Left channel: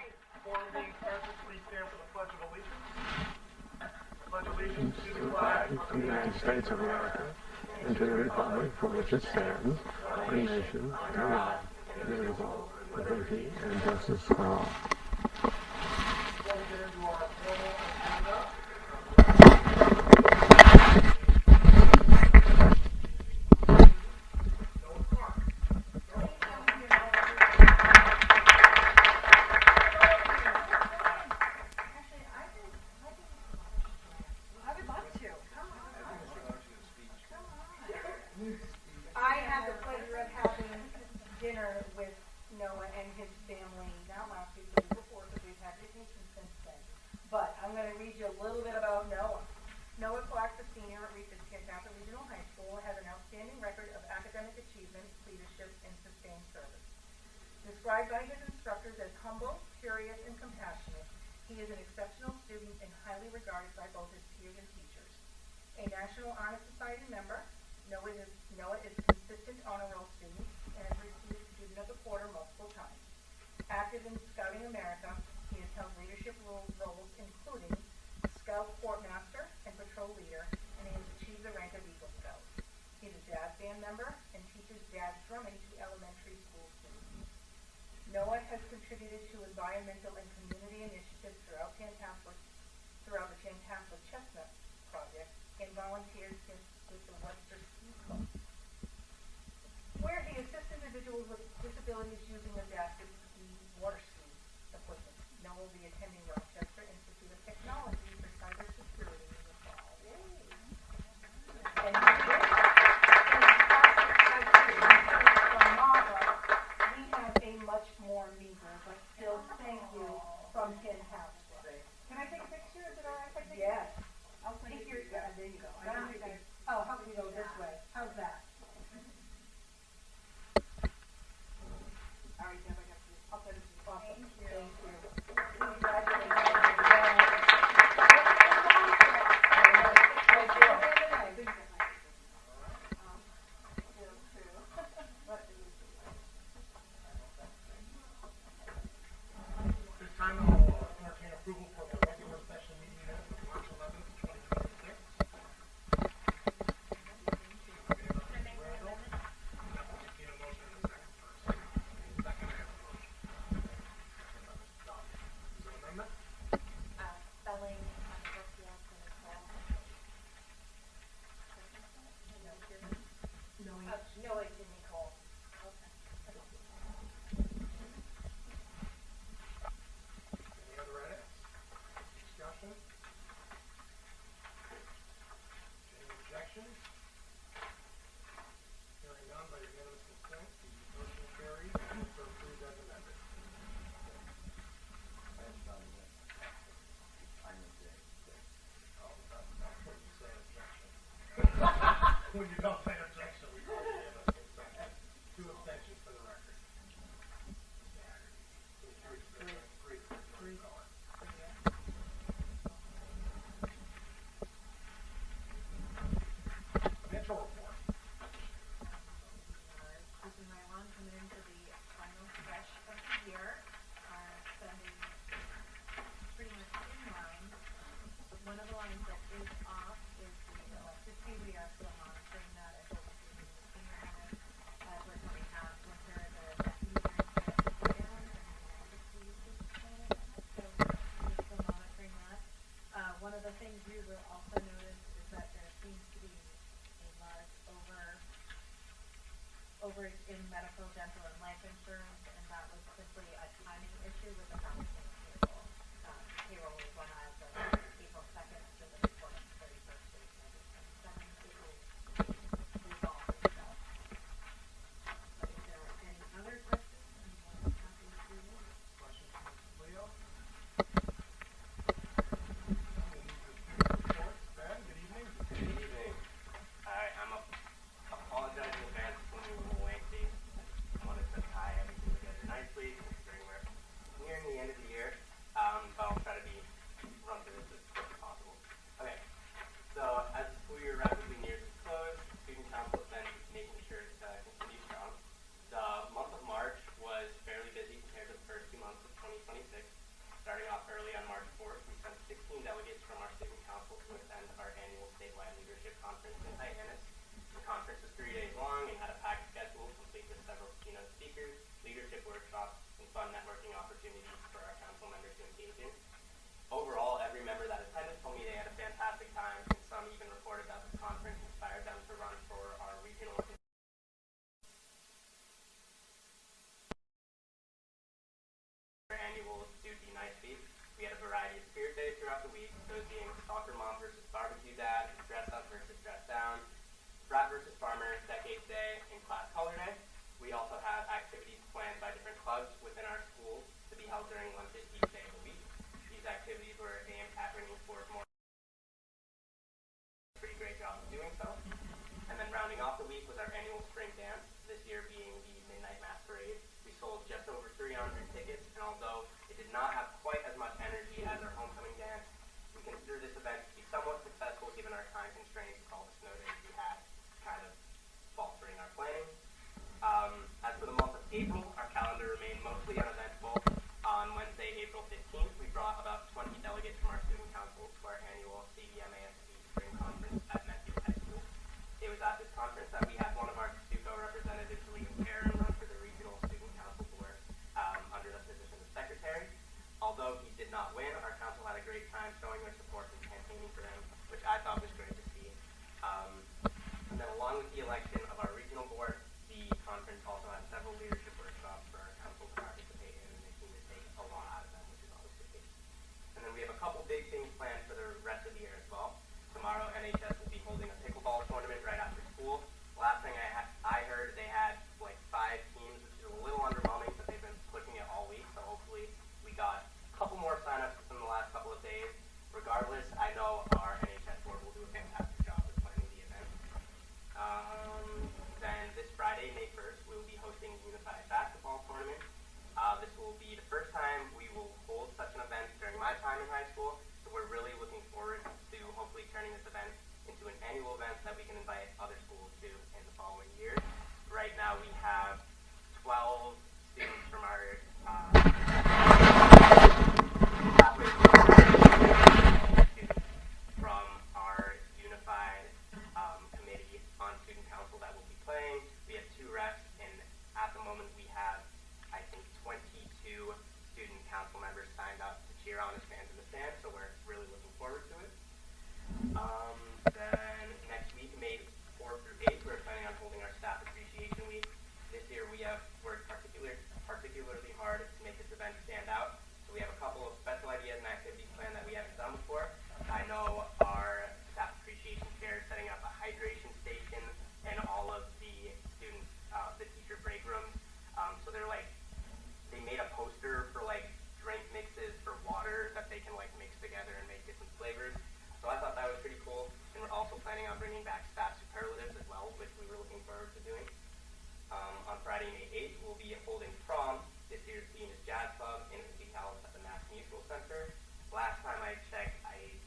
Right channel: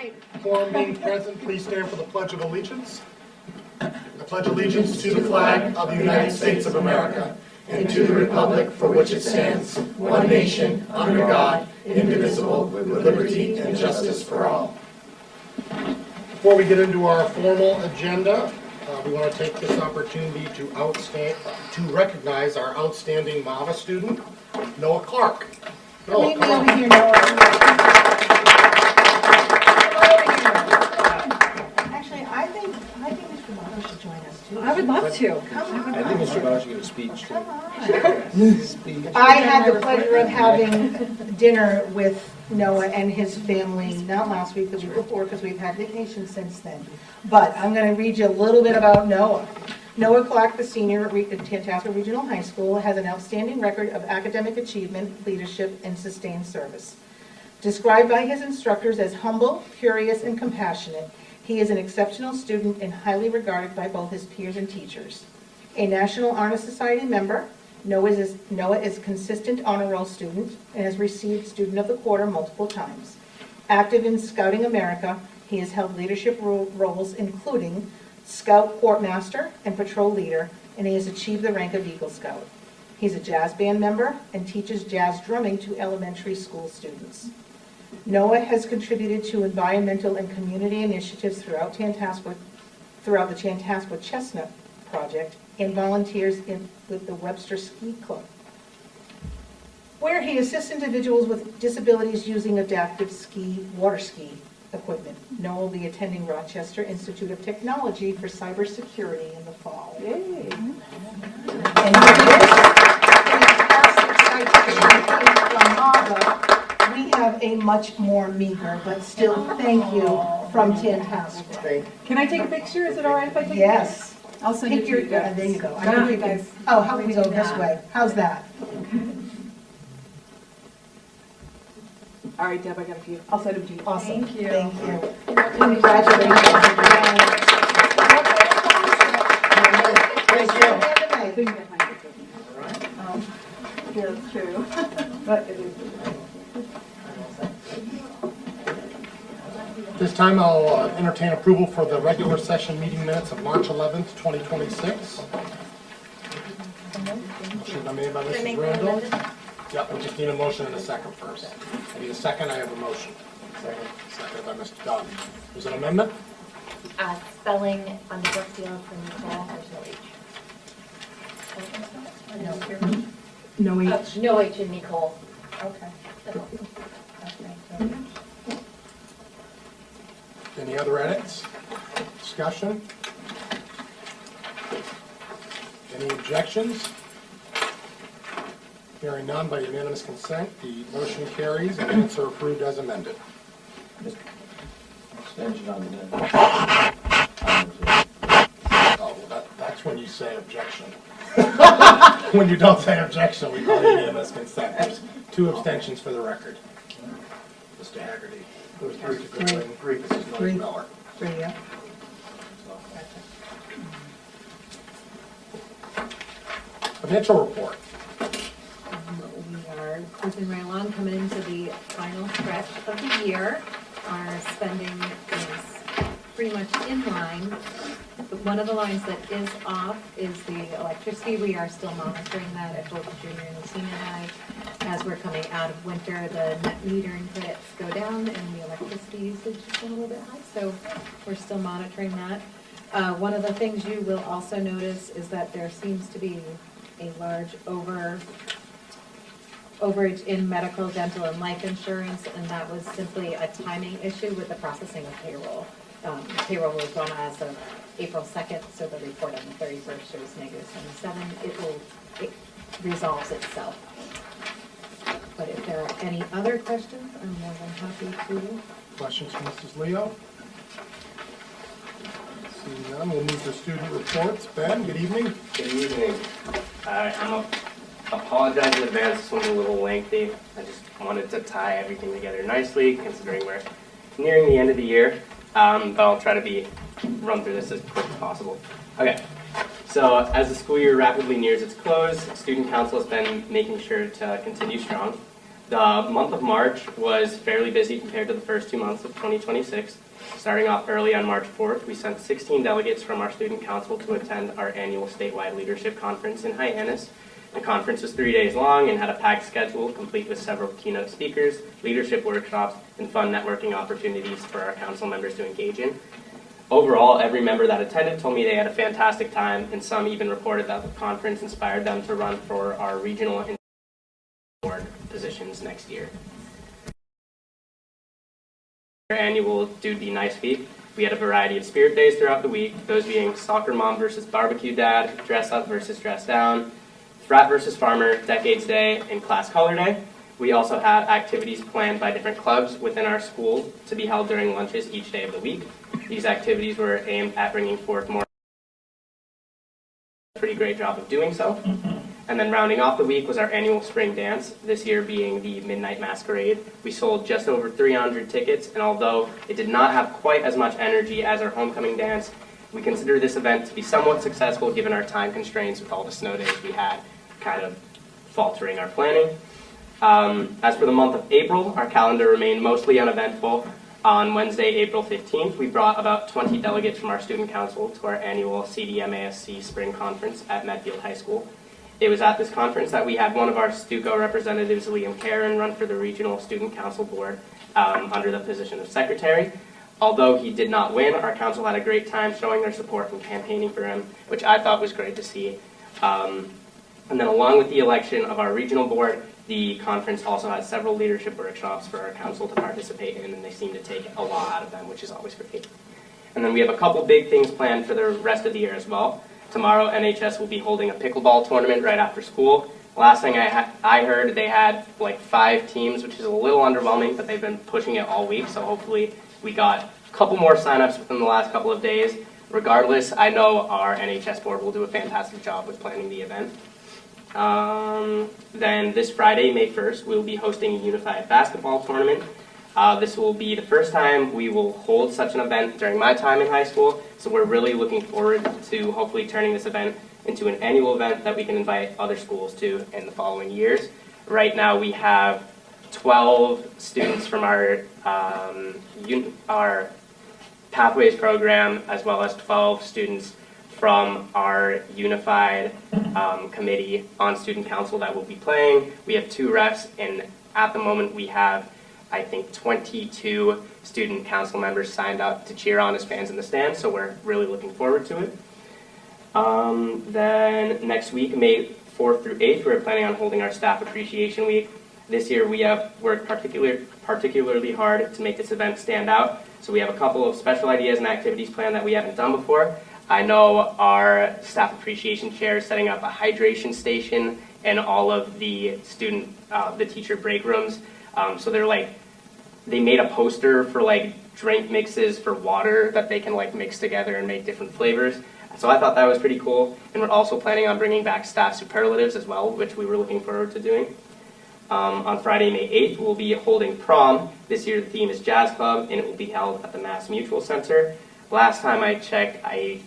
right. Quorum being present, please stand for the Pledge of Allegiance. I pledge allegiance to the flag of the United States of America and to the republic for which it stands, one nation, under God, indivisible, with liberty and justice for all. Before we get into our formal agenda, we want to take this opportunity to recognize our outstanding MAVA student, Noah Clark. Noah, Meet me over here, Noah. Actually, I think Mr. Butler should join us too. I would love to. Come on. I think Mr. Bauer should give a speech. Come on. I had the pleasure of having dinner with Noah and his family, not last week, the week before, because we've had vacation since then. But I'm going to read you a little bit about Noah. Noah Clark, the senior at Tantasqua Regional High School, has an outstanding record of academic achievement, leadership, and sustained service. Described by his instructors as humble, curious, and compassionate, he is an exceptional student and highly regarded by both his peers and teachers. A National Honor Society member, Noah is a consistent honor roll student and has received Student of the Quarter multiple times. Active in Scouting America, he has held leadership roles including Scout Quartermaster and Patrol Leader, and he has achieved the rank of Eagle Scout. He's a jazz band member and teaches jazz drumming to elementary school students. Noah has contributed to environmental and community initiatives throughout the Tantasqua Chestnut Project and volunteers with the Webster Ski Club, where he assists individuals with disabilities using adaptive water ski equipment. Noah will be attending Rochester Institute of Technology for cybersecurity in the fall. Yay. And from MAVA, we have a much more meager, but still thank you from Tantasqua. Can I take a picture? Is it all right if I take a Yes. picture? I'll send it to you guys. There you go. I Thank think you we can- guys. Oh, how about we go this way? How's that? All right, Deb, I got a few. I'll send them to you. Awesome. Thank you. Thank you. Congratulations. I think that might be good. Here too. But it is. This time I'll entertain approval for the regular session meeting minutes of March 11th, 2026. Motion by made by Mrs. Randall. Yep, we just need a motion and a second first. I need a second, I have a motion. Second by Mr. Dunn. Is it an amendment? Spelling on the work field for Nicole, there's no H. No H. No H in Nicole. Okay. Any other edits? Discussion? Any objections? Hearing none by unanimous consent, the motion carries and minutes are approved as amended. Extension on the Oh, well, that's when you say objection. When you don't say objection, we call it unanimous consent. There's 2 abstentions for the record. Mr. Haggerty. There was 3 to Goodwin, 3 Mrs. Miller. Yeah. Financial report. We are cruising right along, coming into the final stretch of the year. Our spending is pretty much in line. But one of the lines that is off is the electricity. We are still monitoring that at both the junior and the senior high. As we're coming out of winter, the net metering credits go down and the electricity usage is a little bit high, so we're still monitoring that. One of the things you will also notice is that there seems to be a large overage in medical, dental, and life insurance, and that was simply a timing issue with the processing of payroll. Payroll was run as of April 2nd, so the report on the 31st shows -77. It resolves itself. But if there are any other questions, I'm more than happy to. Questions from Mrs. Leo? Seeing none, we'll move to student reports. Ben, good evening. Good evening. I apologize in advance, this one's a little lengthy. I just wanted to tie everything together nicely, considering we're nearing the end of the year. But I'll try to run through this as quick as possible. Okay, so as the school year rapidly nears its close, Student Council has been making sure to continue strong. The month of March was fairly busy compared to the first 2 months of 2026. Starting off early on March 4th, we sent 16 delegates from our student council to attend our annual statewide leadership conference in Hyannis. The conference was 3 days long and had a packed schedule, complete with several keynote speakers, leadership workshops, and fun networking opportunities for our council members to engage in. Overall, every member that attended told me they had a fantastic time, and some even reported that the conference inspired them to run for our regional and board positions next year. Our annual Dude Be Nice week, we had a variety of spirit days throughout the week, those being soccer mom versus barbecue dad, dress up versus dress down, frat versus farmer, decades day, and class color day. We also had activities planned by different clubs within our school to be held during lunches each day of the week. These activities were aimed at bringing forth more. Pretty great job of doing so. And then rounding off the week was our annual spring dance, this year being the Midnight Masquerade. We sold just over 300 tickets, and although it did not have quite as much energy as our homecoming dance, we consider this event to be somewhat successful given our time constraints with all the snow days we had, kind of faltering our planning. As for the month of April, our calendar remained mostly uneventful. On Wednesday, April 15th, we brought about 20 delegates from our student council to our annual CDMASC Spring Conference at Medfield High School. It was at this conference that we had one of our Stuco representatives, Liam Karen, run for the Regional Student Council Board under the position of secretary. Although he did not win, our council had a great time showing their support and campaigning for him, which I thought was great to see. And then along with the election of our regional board, the conference also has several leadership workshops for our council to participate in, and they seem to take a lot out of them, which is always great. And then we have a couple big things planned for the rest of the year as well. Tomorrow, NHS will be holding a pickleball tournament right after school. Last thing I heard, they had like 5 teams, which is a little underwhelming, but they've been pushing it all week, so hopefully we got a couple more signups within the last couple of days. Regardless, I know our NHS board will do a fantastic job with planning the event. Then this Friday, May 1st, we'll be hosting a unified basketball tournament. This will be the first time we will hold such an event during my time in high school, so we're really looking forward to hopefully turning this event into an annual event that we can invite other schools to in the following years. Right now we have 12 students from our Pathways program, as well as 12 students from our unified committee on student council that will be playing. We have 2 refs, and at the moment we have, I think, 22 student council members signed up to cheer on as fans in the stands, so we're really looking forward to it. Then next week, May 4th through 8th, we're planning on holding our Staff Appreciation Week. This year we have worked particularly hard to make this event stand out, so we have a couple of special ideas and activities planned that we haven't done before. I know our Staff Appreciation Chair is setting up a hydration station in all of the the teacher break rooms. So they made a poster for drink mixes for water that they can mix together and make different flavors. So I thought that was pretty cool. And we're also planning on bringing back staff superlatives as well, which we were looking forward to doing. On Friday, May 8th, we'll be holding prom. This year the theme is Jazz Club, and it will be held at the Mass Mutual Center. Last time I checked, I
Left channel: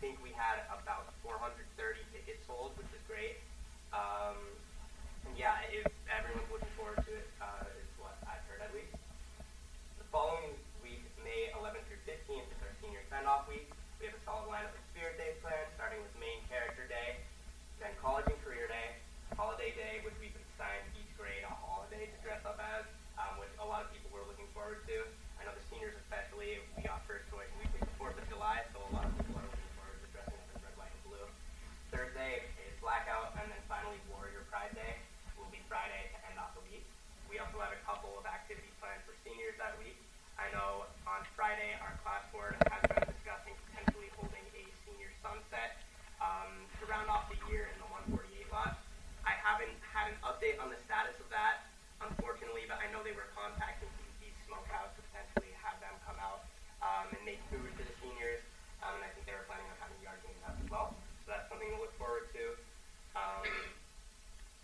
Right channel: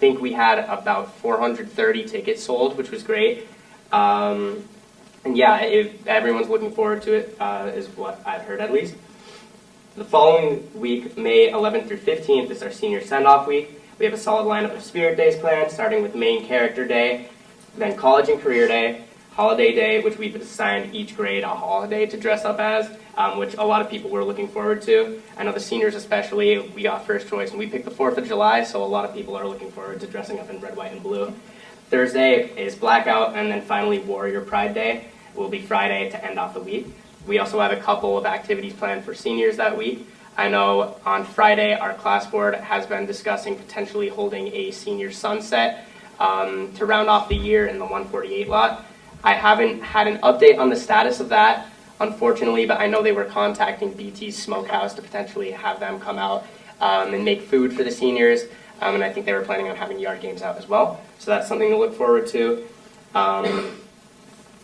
think we had about 430 tickets sold, which was great. And yeah, everyone's looking forward to it, is what I've heard at least. The following week, May 11th through 15th, is our senior send-off week. We have a solid lineup of Spirit Days planned, starting with Main Character Day, then College and Career Day, Holiday Day, which we've assigned each grade a holiday to dress up as, which a lot of people were looking forward to. I know the seniors especially, we got first choice, and we picked the 4th of July, so a lot of people are looking forward to dressing up in red, white, and blue. Thursday is Blackout, and then finally Warrior Pride Day will be Friday to end off the week. We also have a couple of activities planned for seniors that week. I know on Friday our class board has been discussing potentially holding a senior sunset to round off the year in the 148 lot. I haven't had an update on the status of that, unfortunately, but I know they were contacting BT's Smokehouse to potentially have them come out and make food for the seniors, and I think they were planning on having yard games out as well. So that's something to look forward to.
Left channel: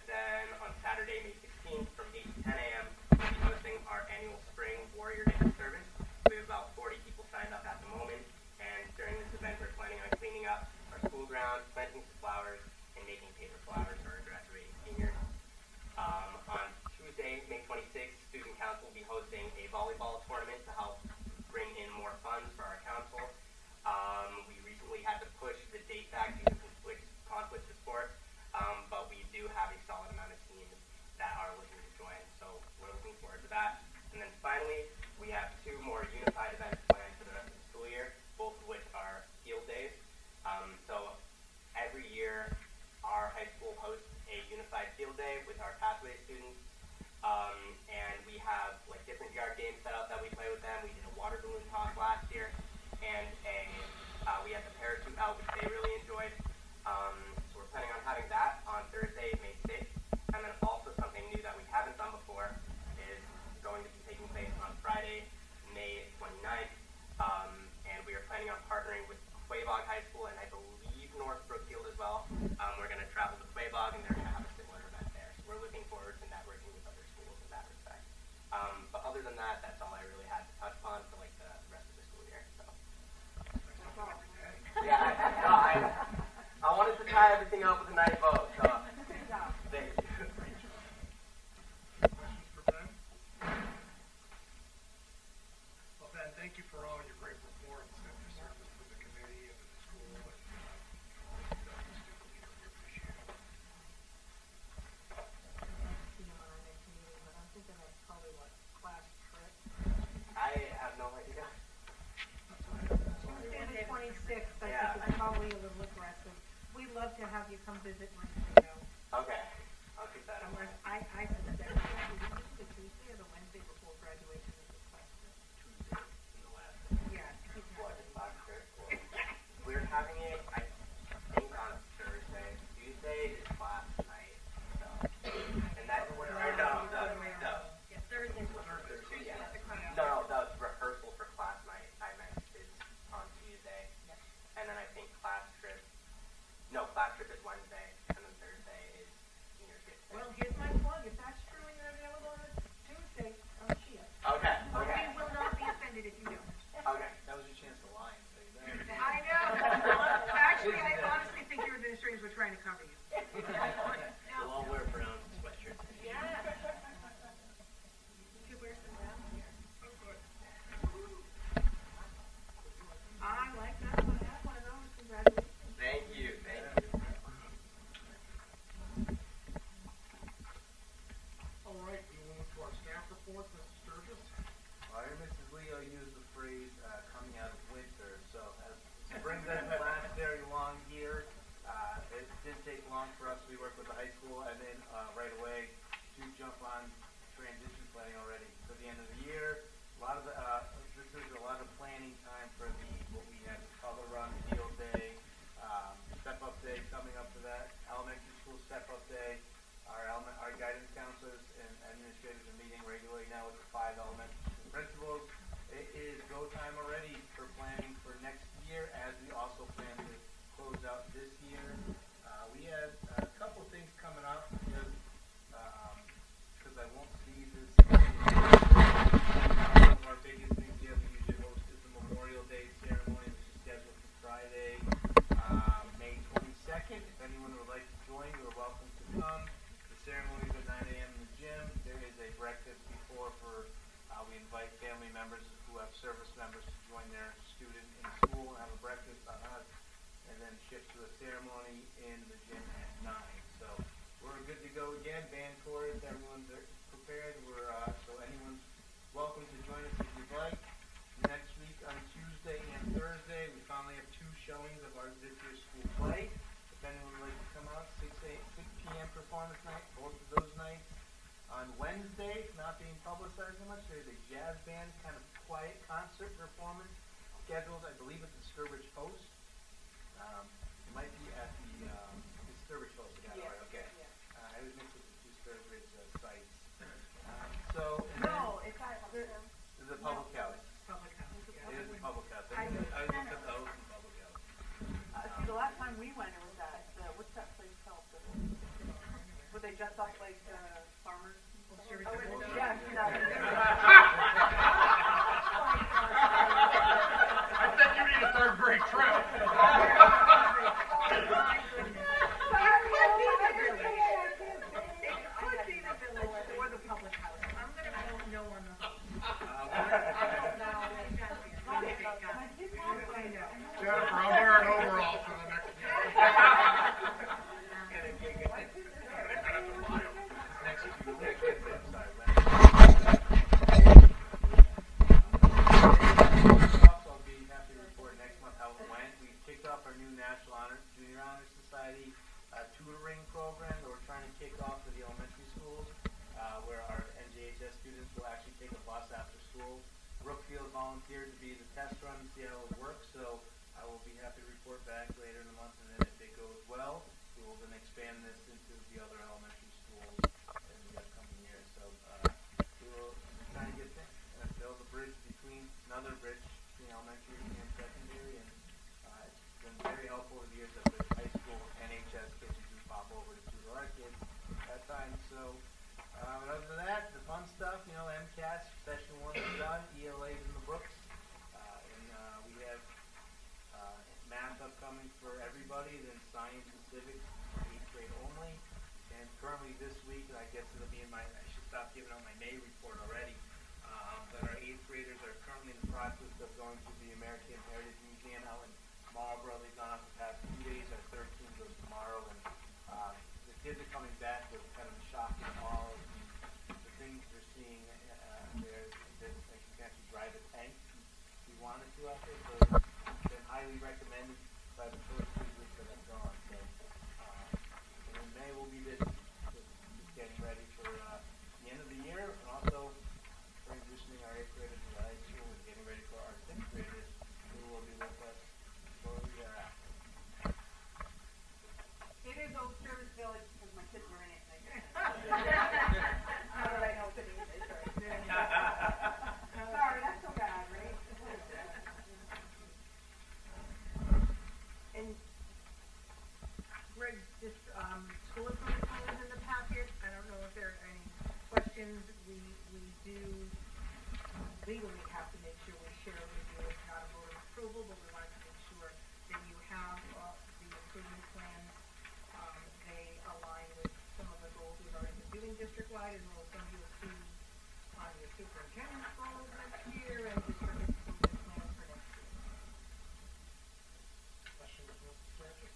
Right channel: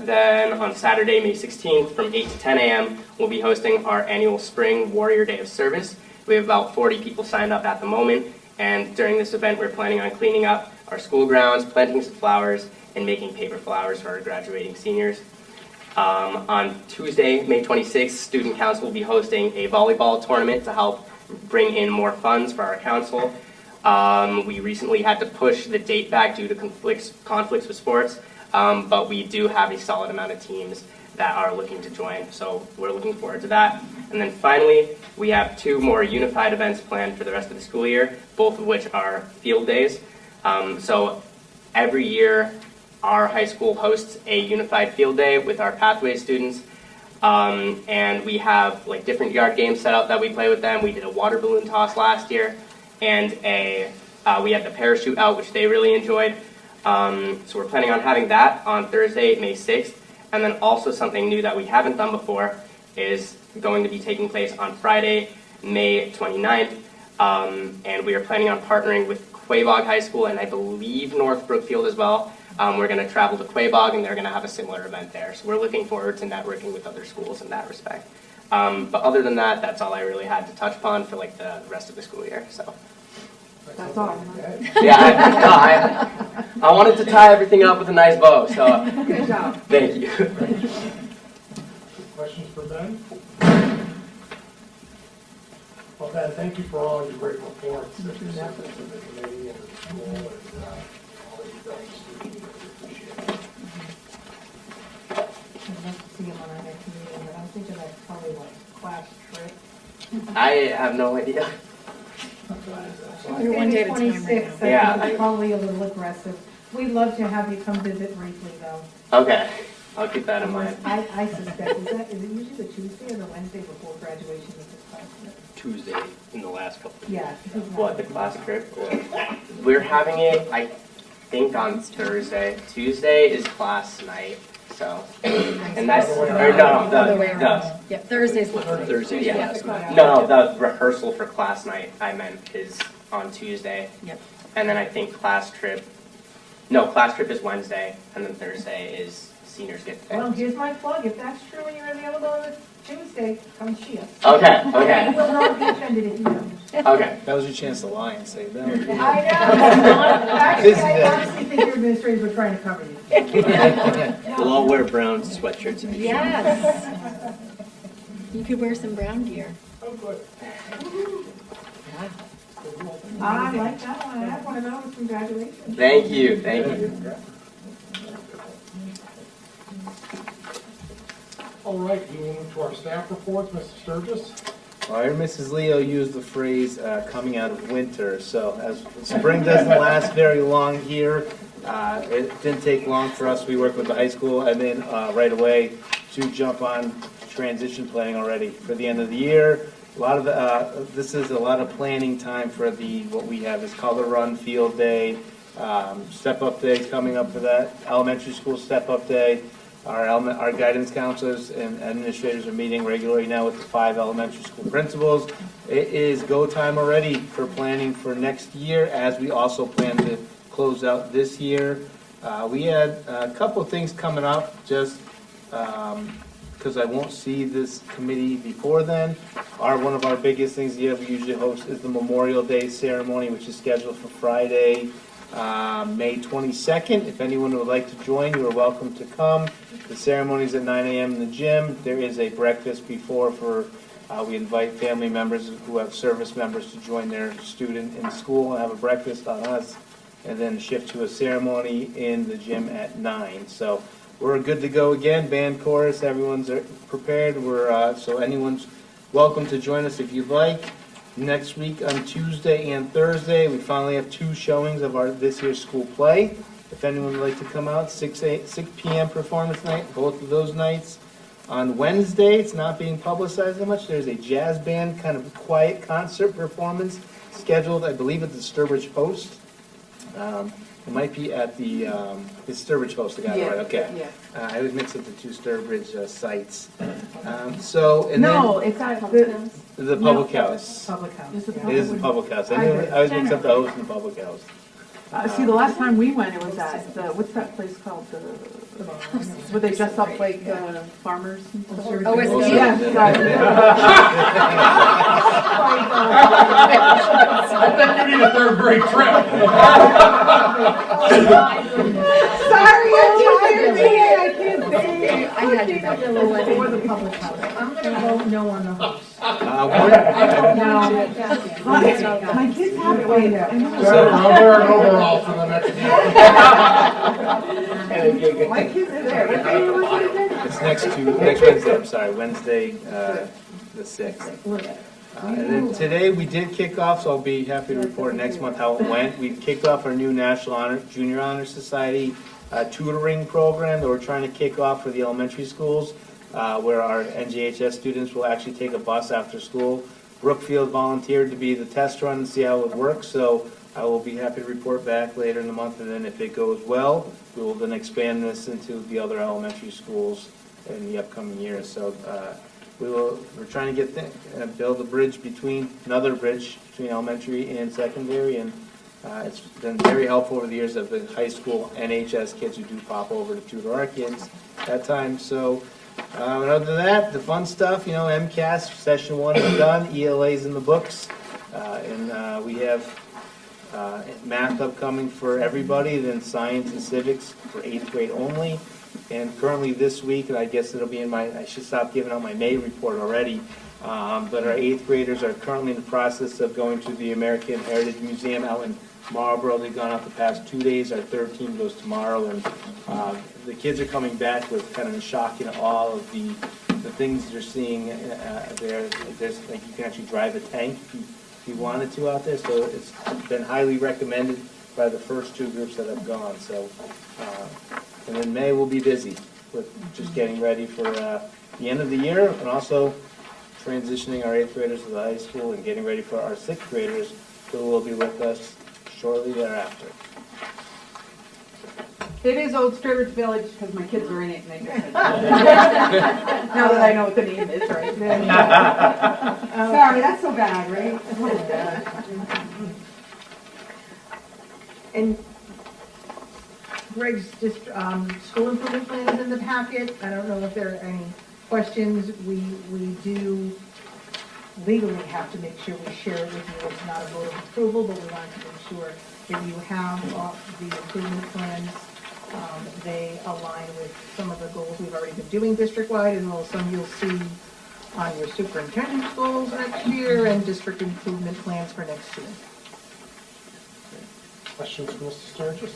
Then on Saturday, May 16th, from 8 to 10 a.m., we'll be hosting our annual Spring Warrior Day of Service. We have about 40 people signed up at the moment, and during this event, we're planning on cleaning up our school grounds, planting some flowers, and making paper flowers for our graduating seniors. On Tuesday, May 26th, Student Council will be hosting a volleyball tournament to help bring in more funds for our council. We recently had to push the date back due to conflicts with sports, but we do have a solid amount of teams that are looking to join, so we're looking forward to that. And then finally, we have 2 more unified events planned for the rest of the school year, both of which are field days. So every year, our high school hosts a unified field day with our pathway students, and we have like different yard games set up that we play with them. We did a water balloon toss last year, and we had the parachute out, which they really enjoyed. So we're planning on having that on Thursday, May 6th. And then also something new that we haven't done before is going to be taking place on Friday, May 29th. And we are planning on partnering with Quabog High School and I believe North Brookfield as well. We're going to travel to Quabog and they're going to have a similar event there. So we're looking forward to networking with other schools in that respect. But other than that, that's all I really had to touch upon for like the rest of the school year. So. That's all. Yeah, I wanted to tie everything up with a nice bow, so Good job. thank you. Questions for Ben? Well, Ben, thank you for all your great reports that you're sending to the committee and the school and all that you've done to students. We appreciate it. I'd love to see him on our next meeting, but I'm thinking that's probably like class trip. I have no idea. You're one day at a time right 26th, now. Yeah. I think it's probably a little aggressive. We'd love to have you come visit briefly, though. Okay, I'll keep that in mind. I suspect, is it usually the Tuesday or the Wednesday before graduation of this class? Tuesday in the last couple of years. Yeah. What, the class trip? We're having it, I think, on Thursday. Tuesday is class night, so. And that's, or no, Other way the, around. Yeah, Thursday's last night. Thursday's yeah. last night. No, the rehearsal for class night, I meant, is on Tuesday. Yep. And then I think class trip is Wednesday, and then Thursday is seniors get Well, picked. here's my plug. If that's true and you're available on Tuesday, come see us. Okay, You okay, will not be offended if you don't. okay. That was your chance to lie and say that. I know. Actually, I honestly think your administrators were trying to cover you. We'll all wear brown sweatshirts and Yes. You could wear some brown gear. Oh, good. I like that one. I have one of those from graduation. Thank you, thank you. All right, we will move to our staff reports. Mr. Sturgis? I heard Mrs. Leo use the phrase coming out of winter. So as spring doesn't last very long here, it didn't take long for us. We worked with the high school and then right away to jump on transition planning already for the end of the year. A lot of this is a lot of planning time for what we have is color run, field day, step up day coming up for that, elementary school step up day. Our guidance counselors and administrators are meeting regularly now with the 5 elementary school principals. It is go time already for planning for next year as we also plan to close out this year. We had a couple of things coming up just because I won't see this committee before then. One of our biggest things we usually host is the Memorial Day ceremony, which is scheduled for Friday, May 22nd. If anyone would like to join, you are welcome to come. The ceremony is at 9 a.m. in the gym. There is a breakfast before we invite family members who have service members to join their student in school and have a breakfast on us, and then shift to a ceremony in the gym at 9. So we're good to go again. Band, chorus, everyone's prepared. So anyone's welcome to join us if you'd like. Next week on Tuesday and Thursday, we finally have 2 showings of this year's school play. If anyone would like to come out, 6 p.m. performance night, both of those nights. On Wednesday, it's not being publicized that much. There's a jazz band kind of quiet concert performance scheduled, I believe, at the Sturbridge Post. It might be at the Sturbridge Post. I got it right. Okay. Yeah. I always mix up the 2 Sturbridge sites. No, it's at The public house. Public house. Is it yeah. It is the public house. I always mix up the host and the public house. See, the last time we went, it was at what's that place called? Where they dress up like farmers and stuff? OSD. Yeah, sorry. You need a 3rd grade trip. Sorry, I'm tired. I can't say. I had to For the public house. I'm gonna vote no on the house. My kids have it right now. I'll wear an overall for the next meeting. My kids are there. What day was it? It's next Wednesday, I'm sorry, Wednesday, the 6th. And then today we did kick off, so I'll be happy to report next month how it went. We kicked off our new National Junior Honor Society tutoring program that we're trying to kick off for the elementary schools, where our NJHS students will actually take a bus after school. Brookfield volunteered to be the test run and see how it works, so I will be happy to report back later in the month, and then if it goes well, we will then expand this into the other elementary schools in the upcoming years. So we're trying to get build a bridge another bridge between elementary and secondary, and it's been very helpful over the years of the high school NHS kids who do pop over to tutor our kids that time. So other than that, the fun stuff, MCAS session 1 is done, ELA's in the books, and we have math upcoming for everybody, then science and civics for 8th grade only. And currently this week, and I guess it'll be I should stop giving out my May report already, but our 8th graders are currently in the process of going to the American Heritage Museum out in Marlboro. They've gone out the past 2 days. Our 3rd team goes tomorrow, and the kids are coming back with kind of a shock and awe of the things they're seeing there. There's, like, you can actually drive a tank if you wanted to out there, so it's been highly recommended by the first 2 groups that have gone. So, and then May will be busy with just getting ready for the end of the year, and also transitioning our 8th graders to the high school and getting ready for our 6th graders who will be with us shortly thereafter. It is Old Sturbridge Village because my kids are in it and they just now that I know what the name is, right? Sorry, that's so bad, right? And Greg's just, school improvement plan is in the packet. I don't know if there are any questions. We do legally have to make sure we share it with you. It's not a vote of approval, but we want to make sure that you have the improvement plans. They align with some of the goals we've already been doing district-wide, and some you'll see on your superintendent's goals next year and district improvement plans for next year. Questions for Mr. Sturgis?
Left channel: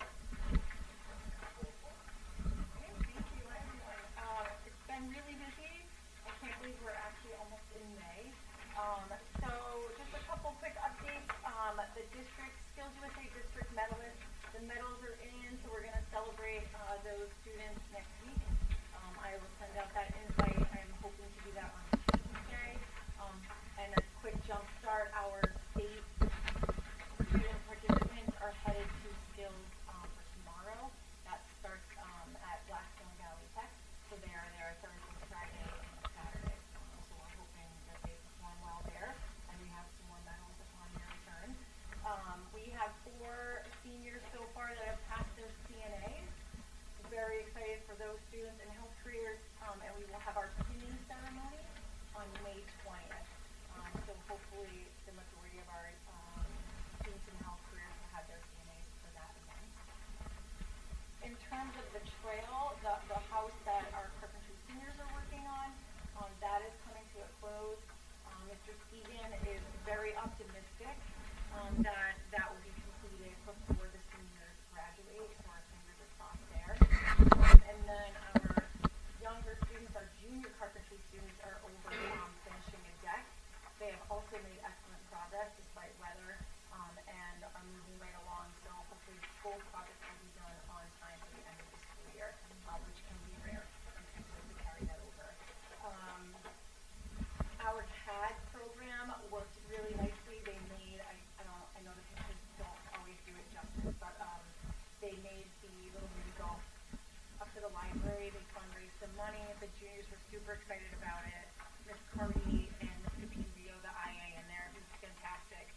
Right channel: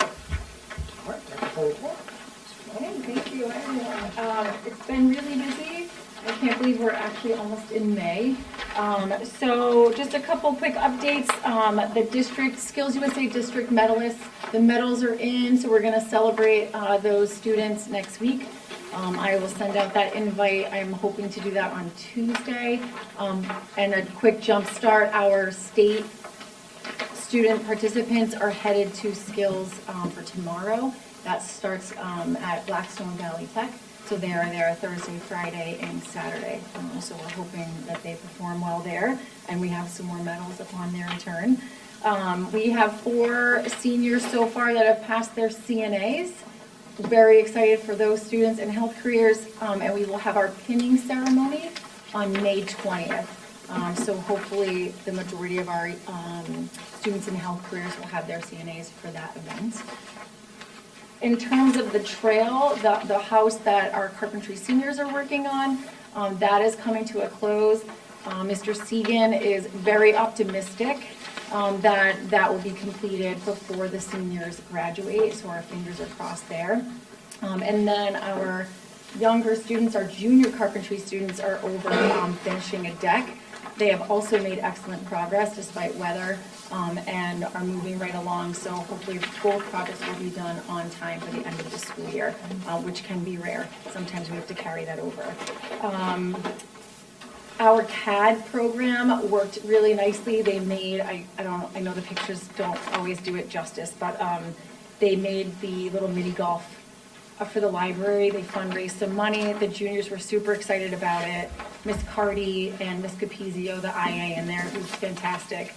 All right, technical report. Hey, thank you, everyone. It's been really busy. I can't believe we're actually almost in May. So just a couple quick updates. The district, Skills USA district medalists, the medals are in, so we're gonna celebrate those students next week. I will send out that invite. I'm hoping to do that on Tuesday. And a quick jump start, our state student participants are headed to Skills for tomorrow. That starts at Blackstone Valley Tech. So they are there Thursday, Friday, and Saturday. So we're hoping that they perform well there, and we have some more medals upon their return. We have 4 seniors so far that have passed their CNAs. Very excited for those students in health careers, and we will have our pinning ceremony on May 20th. So hopefully the majority of our students in health careers will have their CNAs for that event. In terms of the trail, the house that our carpentry seniors are working on, that is coming to a close. Mr. Segan is very optimistic that will be completed before the seniors graduate, so our fingers are crossed there. And then our younger students, our junior carpentry students, are over finishing a deck. They have also made excellent progress despite weather, and are moving right along, so hopefully both projects will be done on time for the end of the school year, which can be rare. Sometimes we have to carry that over. Our CAD program worked really nicely. They made, I know the pictures don't always do it justice, but they made the little mini golf for the library. They fundraised some money. The juniors were super excited about it. Miss Carty and Miss Capizio, the IA in there, who's fantastic.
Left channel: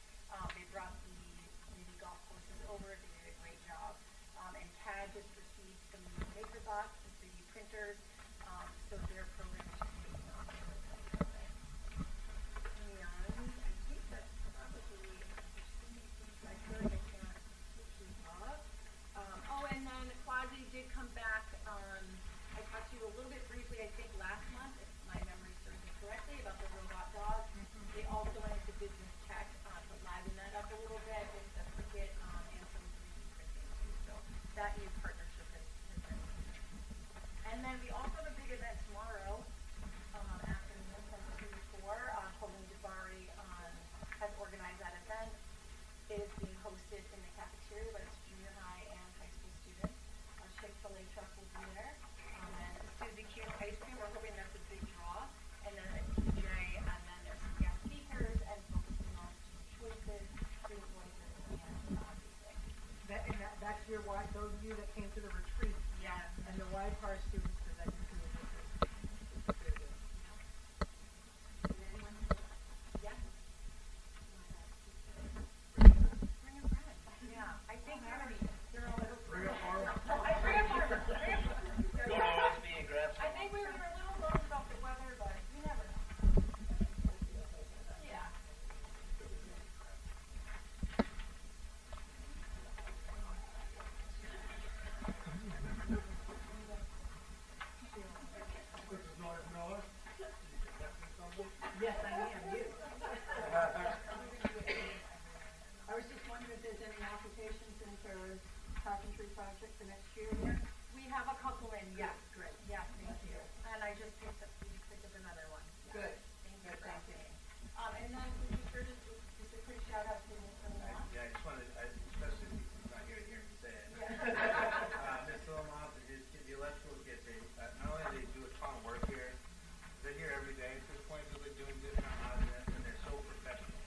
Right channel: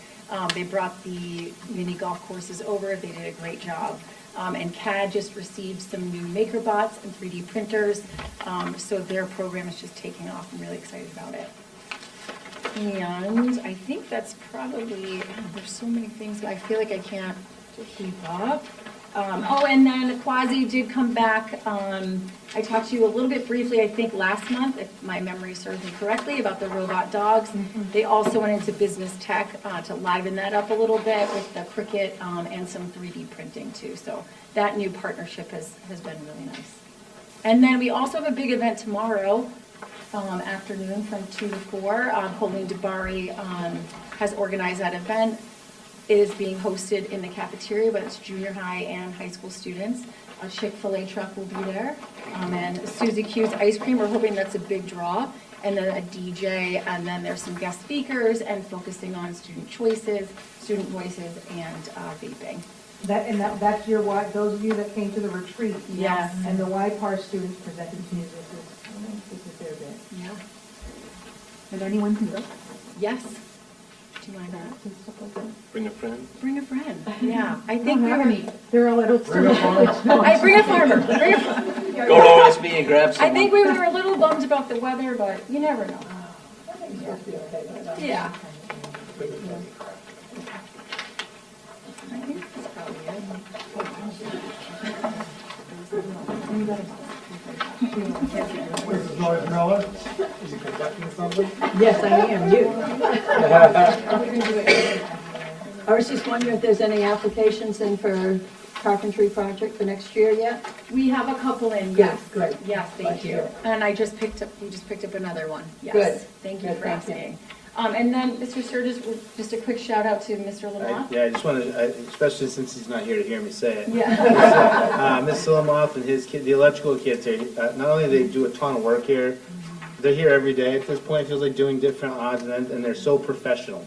They brought the mini golf courses over. They did a great job. And CAD just received some new MakerBots and 3D printers. So their program is just taking off. I'm really excited about it. And I think that's probably, there's so many things, I feel like I can't keep up. Oh, and then Quasi did come back. I talked to you a little bit briefly, I think last month, if my memory serves me correctly, about the robot dogs. They also went into business tech to liven that up a little bit with the Cricut and some 3D printing too. So that new partnership has been really nice. And then we also have a big event tomorrow afternoon from 2 to 4. Pauline DeBari has organized that event. It is being hosted in the cafeteria, but it's junior high and high school students. A Chick-fil-A truck will be there. And Suzy Q's Ice Cream, we're hoping that's a big draw. And then a DJ, and then there's some guest speakers and focusing on student choices, student voices, and vaping. That's your those of you that came to the retreat. Yes. And the YPAR students presented to you, this is their day. Yeah. And anyone can go. Yes. Do you mind that? Bring a friend. Bring a friend. Yeah. I They think don't have we're. any, they're all adults. Bring a farmer. I bring a farmer. Go to OSB and grab some. I think we were a little bummed about the weather, but you never know. Yeah. I think that's probably Mrs. Noyes-Miller, is he conducting something? Yes, I am, you. I was just wondering if there's any applications in for carpentry project for next year yet? We have a couple in, yes. Great. Yes, thank you. And we just picked up another one, yes. Good. Thank you Good, for thank you. asking. And then, Mr. Sturgis, just a quick shout out to Mr. Lamont. Yeah, I just wanted, especially since he's not here to hear me say it. Yeah. Mr. Lamoth and his kid, the electrical kids here, not only do they do a ton of work here, they're here every day at this point. It feels like doing different odds and ends, and they're so professional.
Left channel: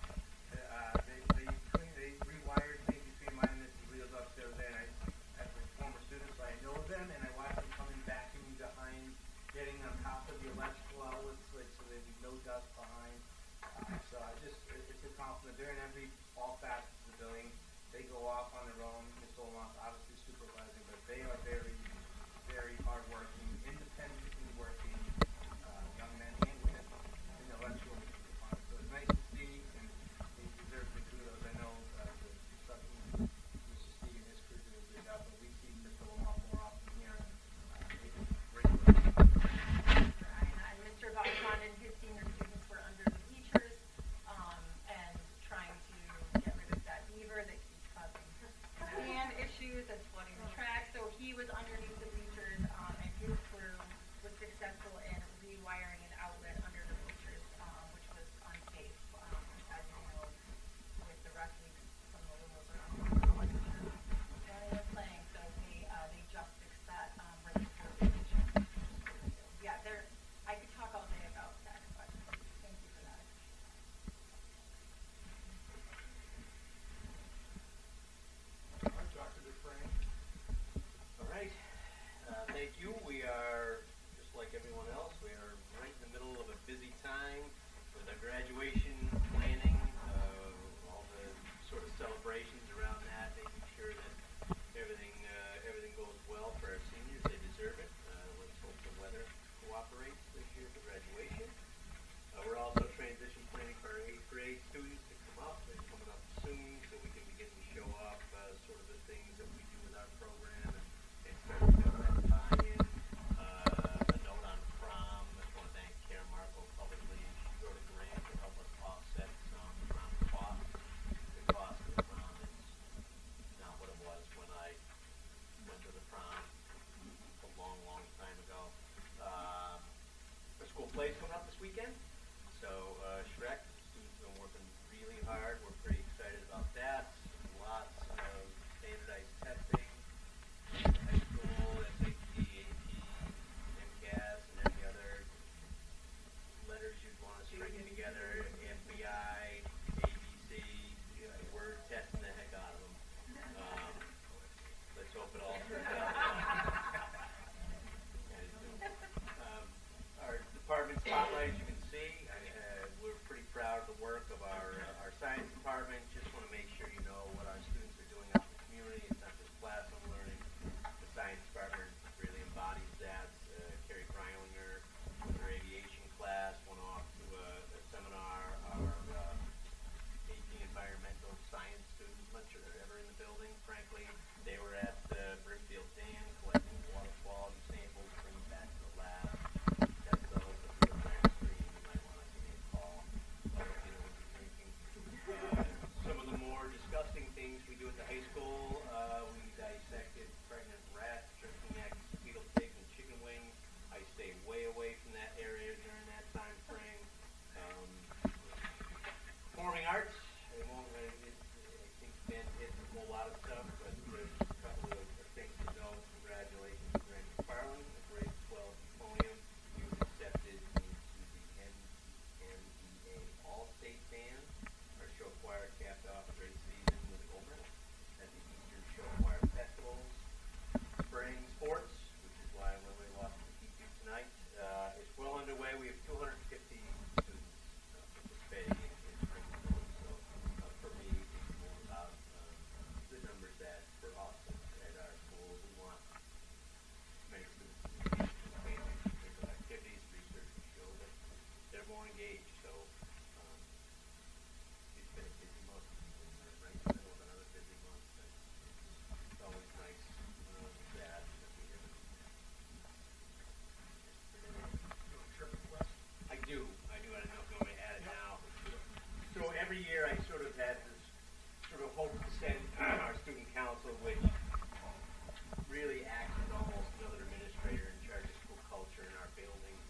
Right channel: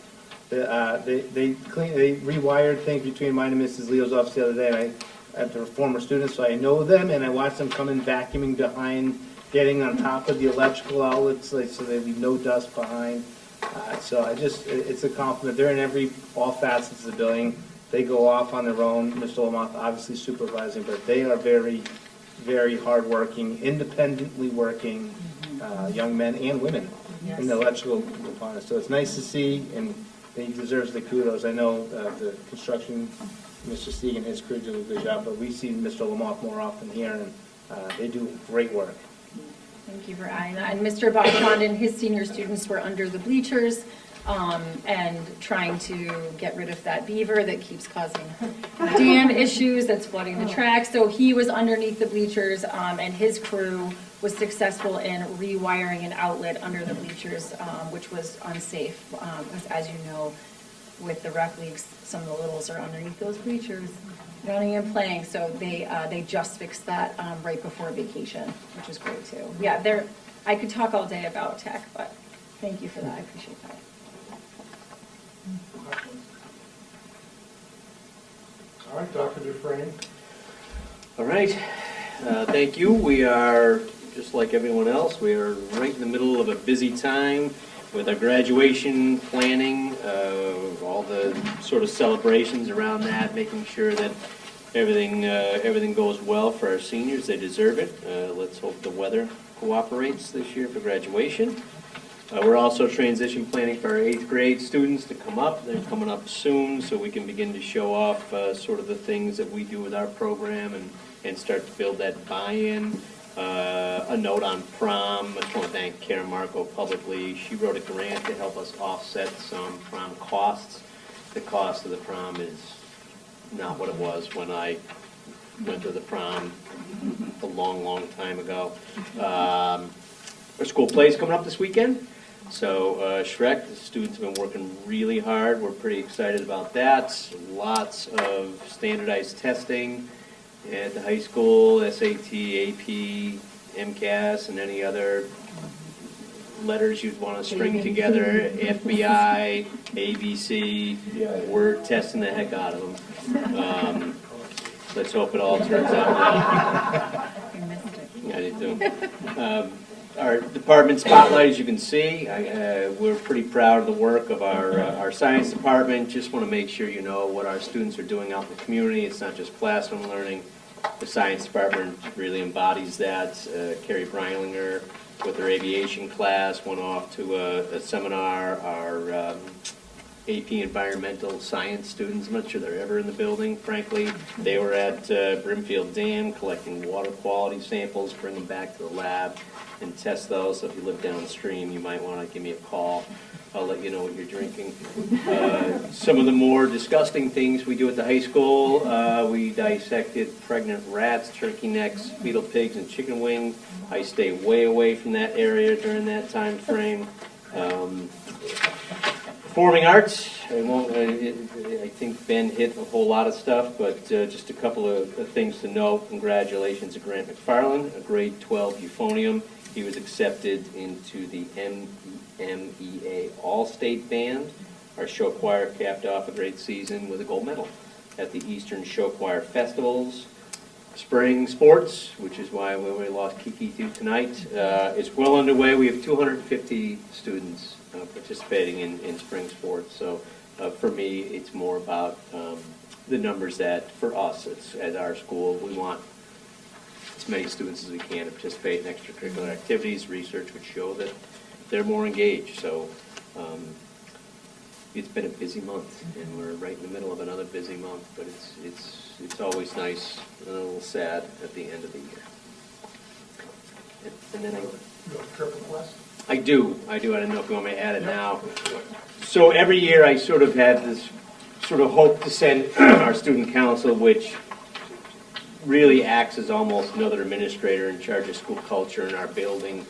They rewired things between mine and Mrs. Leo's office the other day, and they're former students, so I know them, and I watch them come in vacuuming behind, getting on top of the electrical outlets, like, so they leave no dust behind. So it's a compliment. They're in all facets of the building. They go off on their own. Mr. Lamont obviously supervising, but they are very, very hardworking, independently working young men and women in the electrical department. So it's nice to see, and he deserves the kudos. I know the construction, Mr. Stieg and his crew do a good job, but we see Mr. Lamont more often here, and they do great work. Thank you for adding that. And Mr. Bachand and his senior students were under the bleachers and trying to get rid of that beaver that keeps causing dam issues that's flooding the track. So he was underneath the bleachers and his crew was successful in rewiring an outlet under the bleachers, which was unsafe. Because as you know, with the rec leagues, some of the littles are underneath those bleachers, running and playing. So they just fixed that right before vacation, which is great too. Yeah, I could talk all day about tech, but thank you for that. I appreciate that. All right, Dr. Dufresne. All right, thank you. We are, just like everyone else, we are right in the middle of a busy time with our graduation planning, all the sort of celebrations around that, making sure that everything goes well for our seniors. They deserve it. Let's hope the weather cooperates this year for graduation. We're also transition planning for our 8th grade students to come up. They're coming up soon, so we can begin to show off sort of the things that we do with our program and start to build that buy-in. A note on prom. I just want to thank Karen Marco publicly. She wrote a grant to help us offset some prom costs. The cost of the prom is not what it was when I went to the prom a long, long time ago. Our school play is coming up this weekend. So Shrek, the students have been working really hard. We're pretty excited about that. Lots of standardized testing at the high school, SAT, AP, MCAS, and any other letters you'd want to string together, FBI, ABC. We're testing the heck out of them. Let's hope it all turns out well. I did too. Our department spotlight, as you can see, we're pretty proud of the work of our science department. Just want to make sure you know what our students are doing out in the community. It's not just classroom learning. The science department really embodies that. Carrie Breilinger, with her aviation class, went off to a seminar. Our AP Environmental Science students. I'm not sure they're ever in the building, frankly. They were at Brimfield Dam collecting water quality samples, bring them back to the lab and test those. So if you live downstream, you might want to give me a call. I'll let you know what you're drinking. Some of the more disgusting things we do at the high school, we dissected pregnant rats, turkey necks, fetal pigs, and chicken wings. I stay way away from that area during that time frame. Performing arts, I think Ben hit a whole lot of stuff, but just a couple of things to note. Congratulations to Grant McFarland, a grade 12 euphonium. He was accepted into the MEA All-State Band. Our show choir capped off a great season with a gold medal at the Eastern Show Choir Festivals. Spring sports, which is why we lost Kiki to tonight, is well underway. We have 250 students participating in spring sports. So for me, it's more about the numbers that, for us, at our school, we want as many students as we can to participate in extracurricular activities. Research would show that they're more engaged. So it's been a busy month, and we're right in the middle of another busy month, but it's always nice and a little sad at the end of the year. And then You have a trip request? I do. I don't know if you want me to add it now. So every year I sort of have this sort of hope to send our student council, which really acts as almost another administrator in charge of school culture in our building.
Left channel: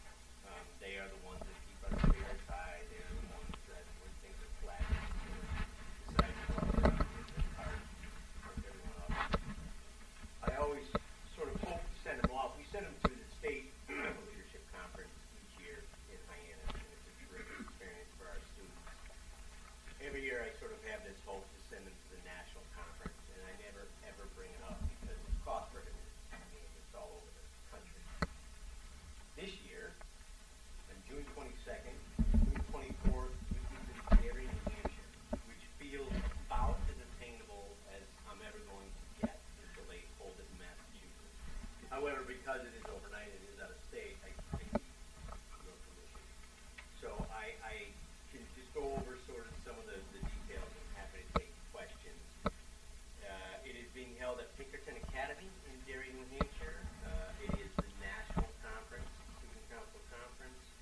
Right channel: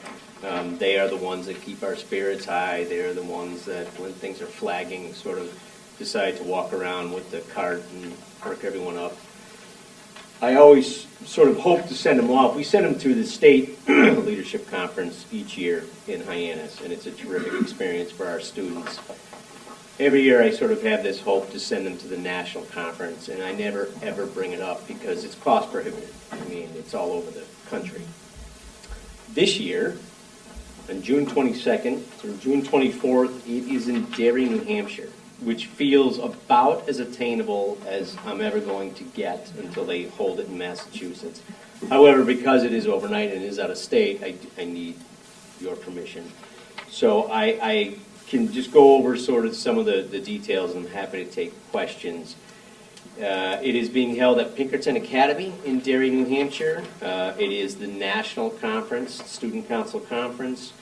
They are the ones that keep our spirits high. They are the ones that, when things are flagging, sort of decide to walk around with the cart and perk everyone up. I always sort of hope to send them off. We send them to the state leadership conference each year in Hyannis, and it's a terrific experience for our students. Every year I sort of have this hope to send them to the national conference, and I never ever bring it up because it's cost prohibitive. I mean, it's all over the country. This year, on June 22nd through June 24th, it is in Derry, New Hampshire, which feels about as attainable as I'm ever going to get until they hold it in Massachusetts. However, because it is overnight and it is out of state, I need your permission. So I can just go over sort of some of the details, and I'm happy to take questions. It is being held at Pinkerton Academy in Derry, New Hampshire. It is the national conference, student council conference.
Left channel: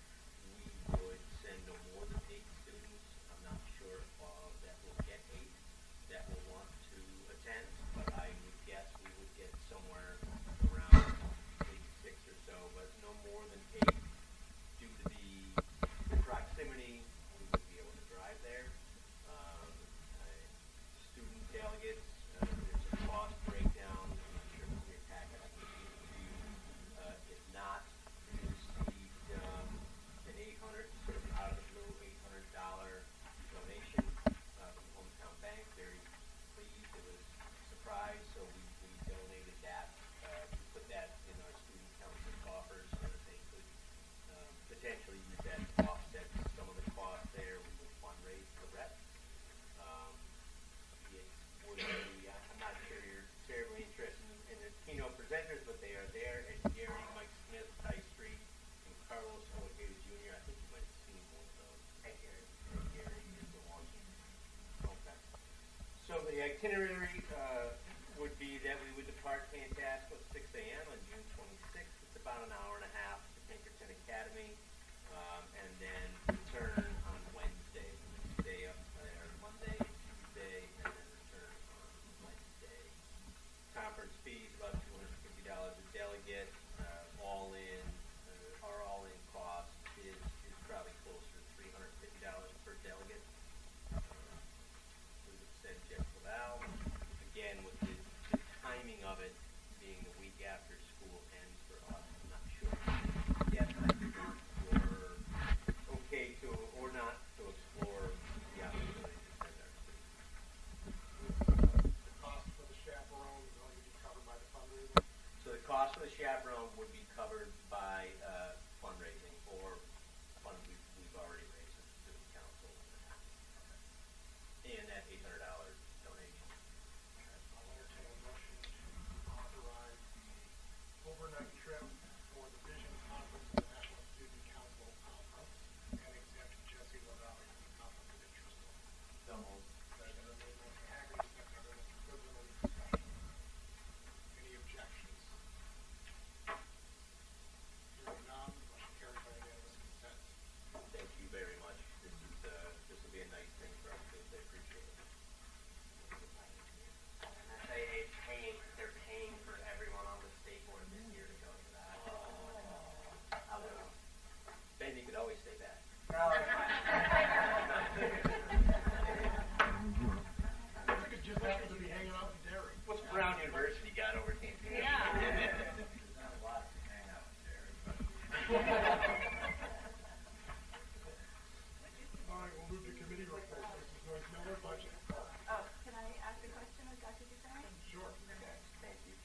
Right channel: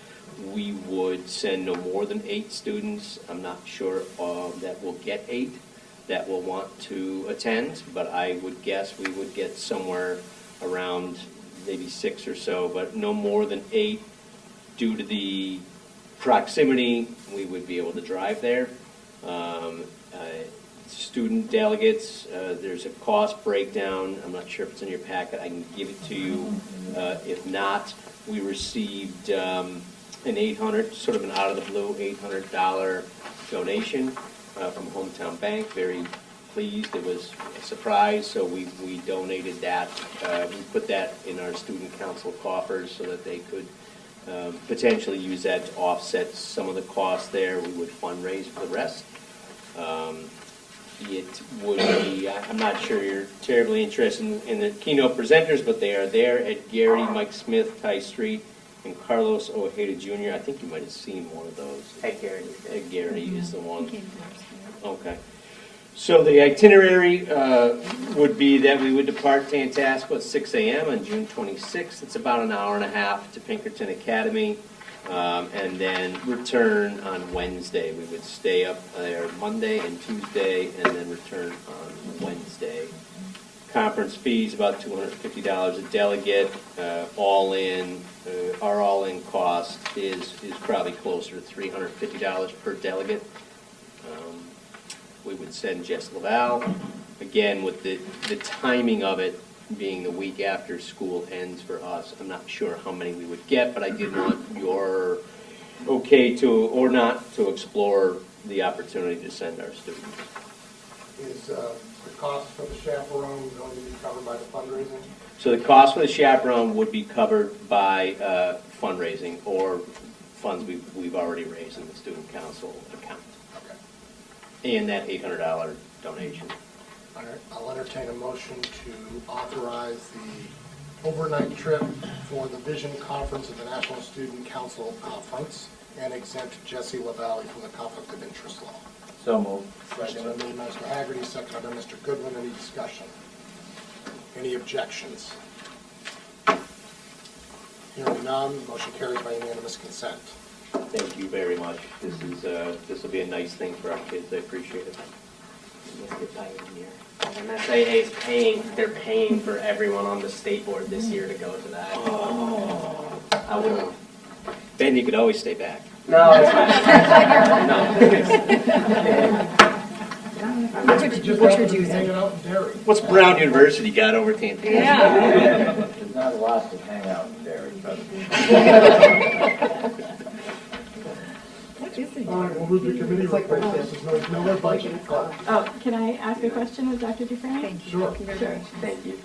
We would send no more than 8 students. I'm not sure that we'll get 8 that will want to attend, but I would guess we would get somewhere around maybe 6 or so, but no more than 8. Due to the proximity, we would be able to drive there. Student delegates, there's a cost breakdown. I'm not sure if it's in your packet. I can give it to you. If not, we received an $800, sort of an out of the blue $800 donation from Hometown Bank. Very pleased. It was a surprise, so we donated that. We put that in our student council coffers so that they could potentially use that to offset some of the costs there. We would fundraise for the rest. It would be, I'm not sure you're terribly interested in the keynote presenters, but they are there at Gary, Mike Smith, Ty Street, and Carlos Ojeda Jr. I think you might have seen one of those. At Gary. At Gary is the one. Okay. So the itinerary would be that we would depart Tantasqua at 6 a.m. on June 26th. It's about an hour and a half to Pinkerton Academy, and then return on Wednesday. We would stay up there Monday and Tuesday, and then return on Wednesday. Conference fees about $250 a delegate. All in, our all-in cost is probably closer to $350 per delegate. We would send Jess Laval, again, with the timing of it being the week after school ends for us. I'm not sure how many we would get, but I did want your okay to, or not, to explore the opportunity to send our students. Is the cost for the chaperone going to be covered by the fundraising? So the cost for the chaperone would be covered by fundraising or funds we've already raised in the student council account. And that $800 donation. All right, I'll entertain a motion to authorize the overnight trip for the Vision Conference of the National Student Council Conference and exempt Jesse LaValle from the conflict of interest law. So moved. Motion been made by Mr. Hagerty, seconded by Mr. Goodwin. Any discussion? Any objections? Hearing none, motion carries by unanimous consent. Thank you very much. This will be a nice thing for our kids. I appreciate it. MSAA is they're paying for everyone on the state board this year to go to that. Oh. I wouldn't. Ben, you could always stay back. No, it's fine. What's your dues? Hanging out in Derry. What's Brown University got over Tantasqua? There's not a lot to hang out in Derry, but. All right, we'll move to committee reports. There's no budget. Oh, can I ask a question of Dr. Dufresne? Sure. Sure. Thank you.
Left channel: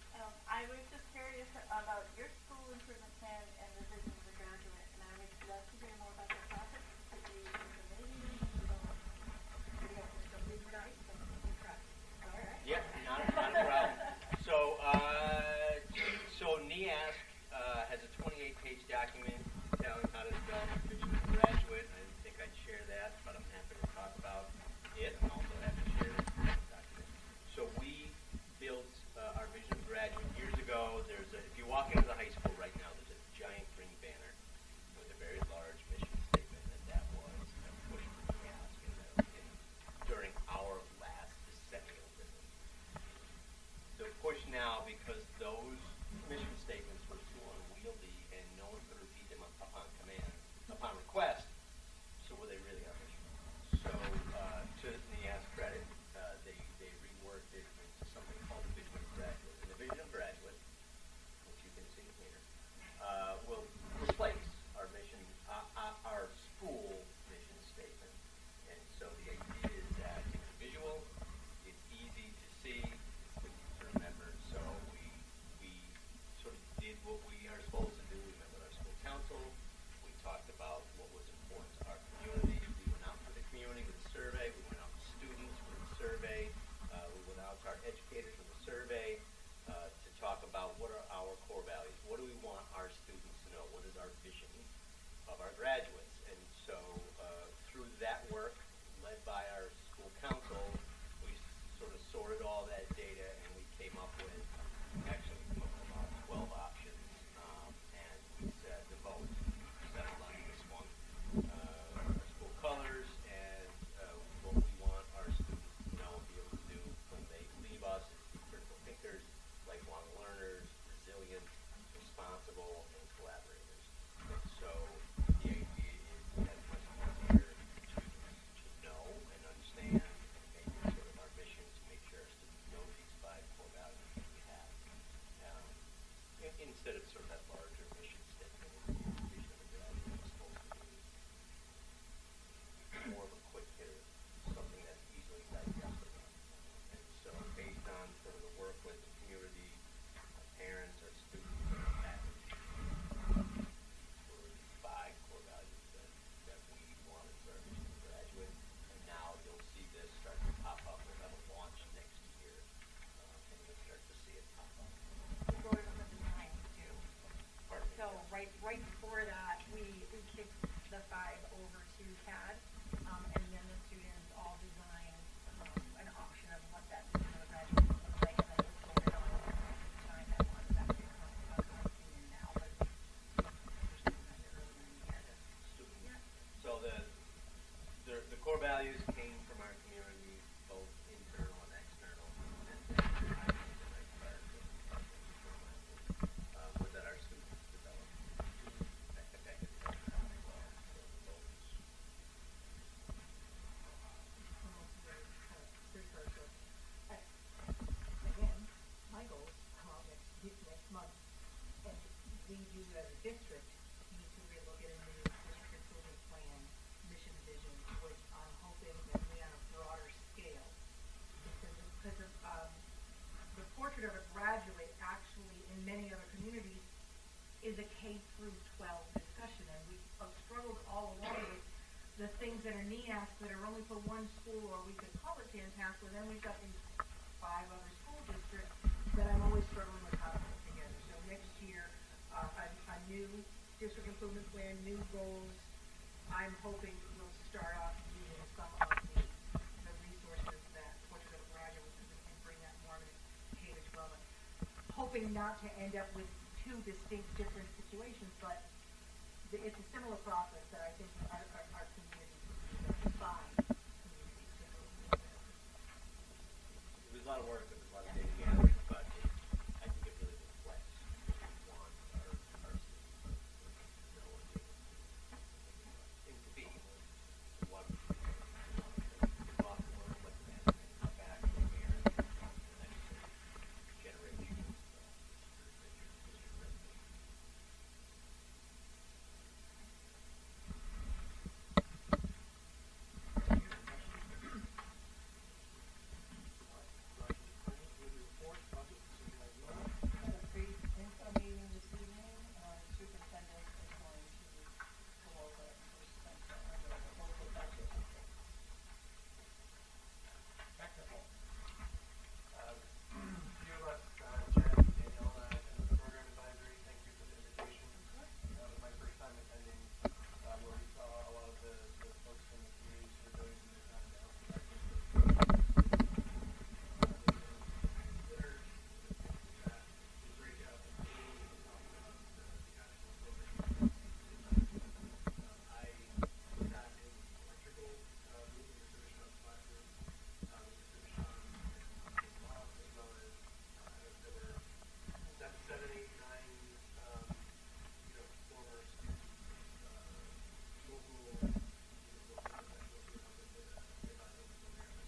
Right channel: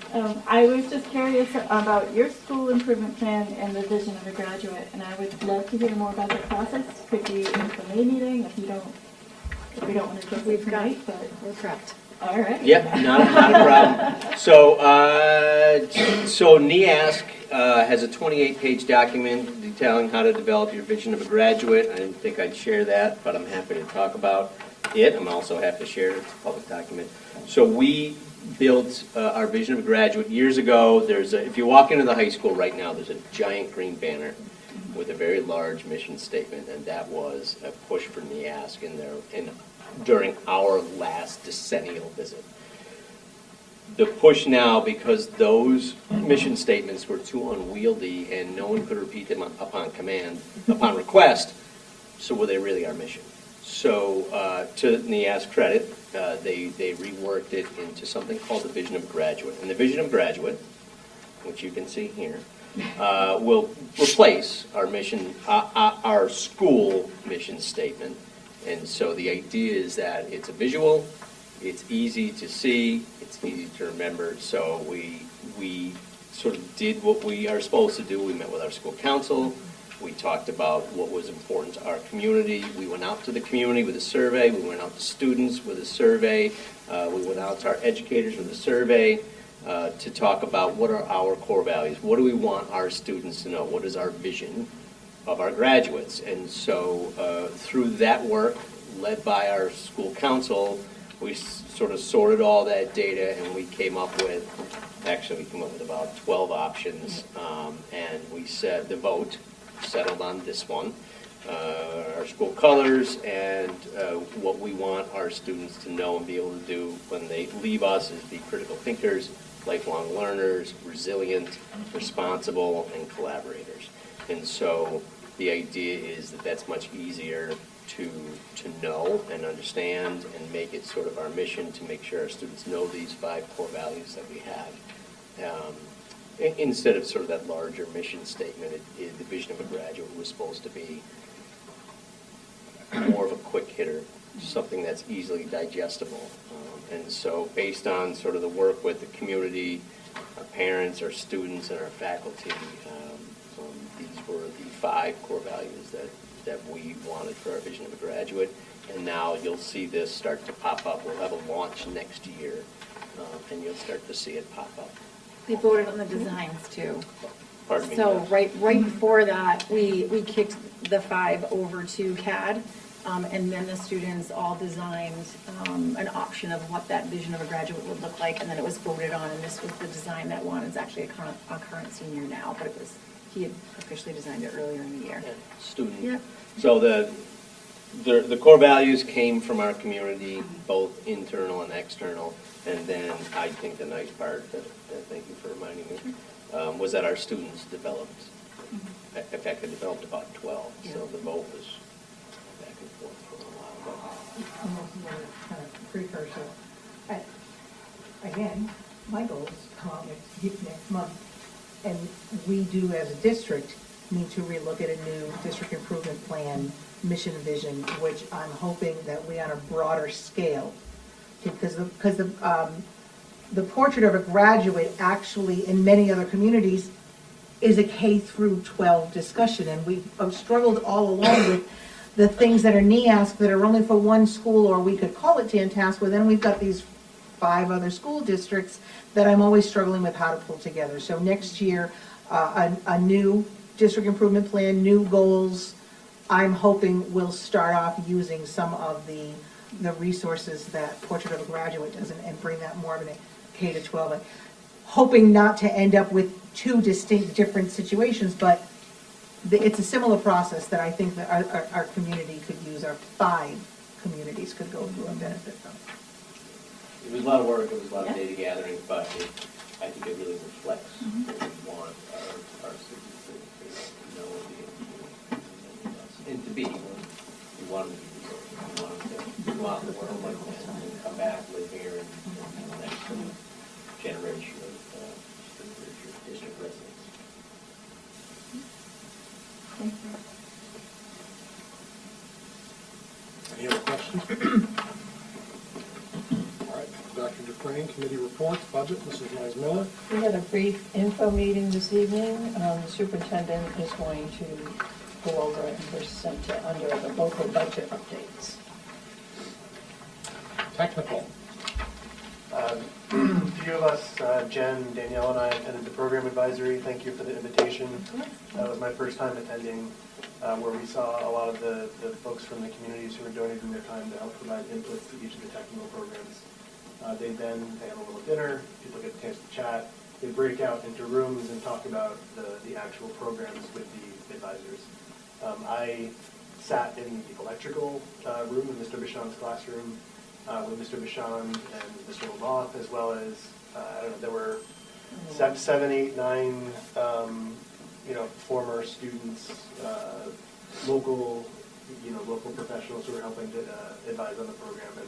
I was just curious about your school improvement plan and the vision of a graduate, and I would love to hear more about the process. Could be in the May meeting if we don't want to get it tonight, but We're prepped. all right. Yep, not a problem. So NEASC has a 28-page document detailing how to develop your vision of a graduate. I didn't think I'd share that, but I'm happy to talk about it. I'm also happy to share it. It's a public document. So we built our vision of a graduate years ago. If you walk into the high school right now, there's a giant green banner with a very large mission statement, and that was a push for NEASC during our last decennial visit. The push now, because those mission statements were too unwieldy and no one could repeat them upon request, so were they really our mission? So to NEASC credit, they reworked it into something called the Vision of a Graduate. And the Vision of a Graduate, which you can see here, will replace our mission, our school mission statement. And so the idea is that it's a visual, it's easy to see, it's easy to remember. So we sort of did what we are supposed to do. We met with our school council. We talked about what was important to our community. We went out to the community with a survey. We went out to students with a survey. We went out to our educators with a survey to talk about what are our core values. What do we want our students to know? What is our vision of our graduates? And so through that work, led by our school council, we sort of sorted all that data and we came up with about 12 options, and we said the vote settled on this one, our school colors, and what we want our students to know and be able to do when they leave us is be critical thinkers, lifelong learners, resilient, responsible, and collaborators. And so the idea is that that's much easier to know and understand and make it sort of our mission to make sure our students know these 5 core values that we have. Instead of sort of that larger mission statement, the vision of a graduate was supposed to be more of a quick hitter, something that's easily digestible. And so based on sort of the work with the community, our parents, our students, and our faculty, these were the 5 core values that we wanted for our vision of a graduate. And now you'll see this start to pop up. We'll have a launch next year, and you'll start to see it pop up. They voted on the designs too. Pardon me? So right before that, we kicked the 5 over to CAD, and then the students all designed an option of what that vision of a graduate would look like, and then it was voted on, and this was the design that won. It's actually a current senior now, but he had officially designed it earlier in the year. Yeah, student. Yeah. So the core values came from our community, both internal and external. And then I think the nice part, thank you for reminding me, was that our students developed. In fact, they developed about 12. So the vote was back and forth for a while. Almost another kind of precursor. Again, my goal is to come out next month, and we do as a district need to relook at a new district improvement plan, mission vision, which I'm hoping that we on a broader scale, because the portrait of a graduate actually in many other communities is a K through 12 discussion, and we've struggled all along with the things that are NEASC that are only for one school, or we could call it Tantasqua. Then we've got these 5 other school districts that I'm always struggling with how to pull together. So next year, a new district improvement plan, new goals. I'm hoping we'll start off using some of the the resources that Portrait of a Graduate does and bring that more of a K-12, like, hoping not to end up with two distinct different situations, but it's a similar process that I think that our community could use, our 5 communities could go through and benefit from. It was a lot of work, it was a lot of data gathering, but I think it really reflects what we want our students to know and be able to, and to be. We want them to be resources. We want them to go out in the world and come back, live here, and be the next generation of district residents. Any other questions? All right, Dr. Dufresne, committee reports, budget, Mrs. Miller. We had a brief info meeting this evening. The superintendent is going to go over it and present it under the local budget updates. Technical. A few of us, Jen, Danielle, and I attended the program advisory. Thank you for the invitation. That was my first time attending, where we saw a lot of the folks from the communities who were donating their time to help provide inputs to each of the technical programs. They had a little dinner, people get a chance to chat. They break out into rooms and talk about the actual programs with the advisors. I sat in the electrical room in Mr. Bichon's classroom with Mr. Bichon and Mr. Lamoth, as well as, I don't know, there were 7, 8, 9, former students, local professionals who were helping to advise on the program. And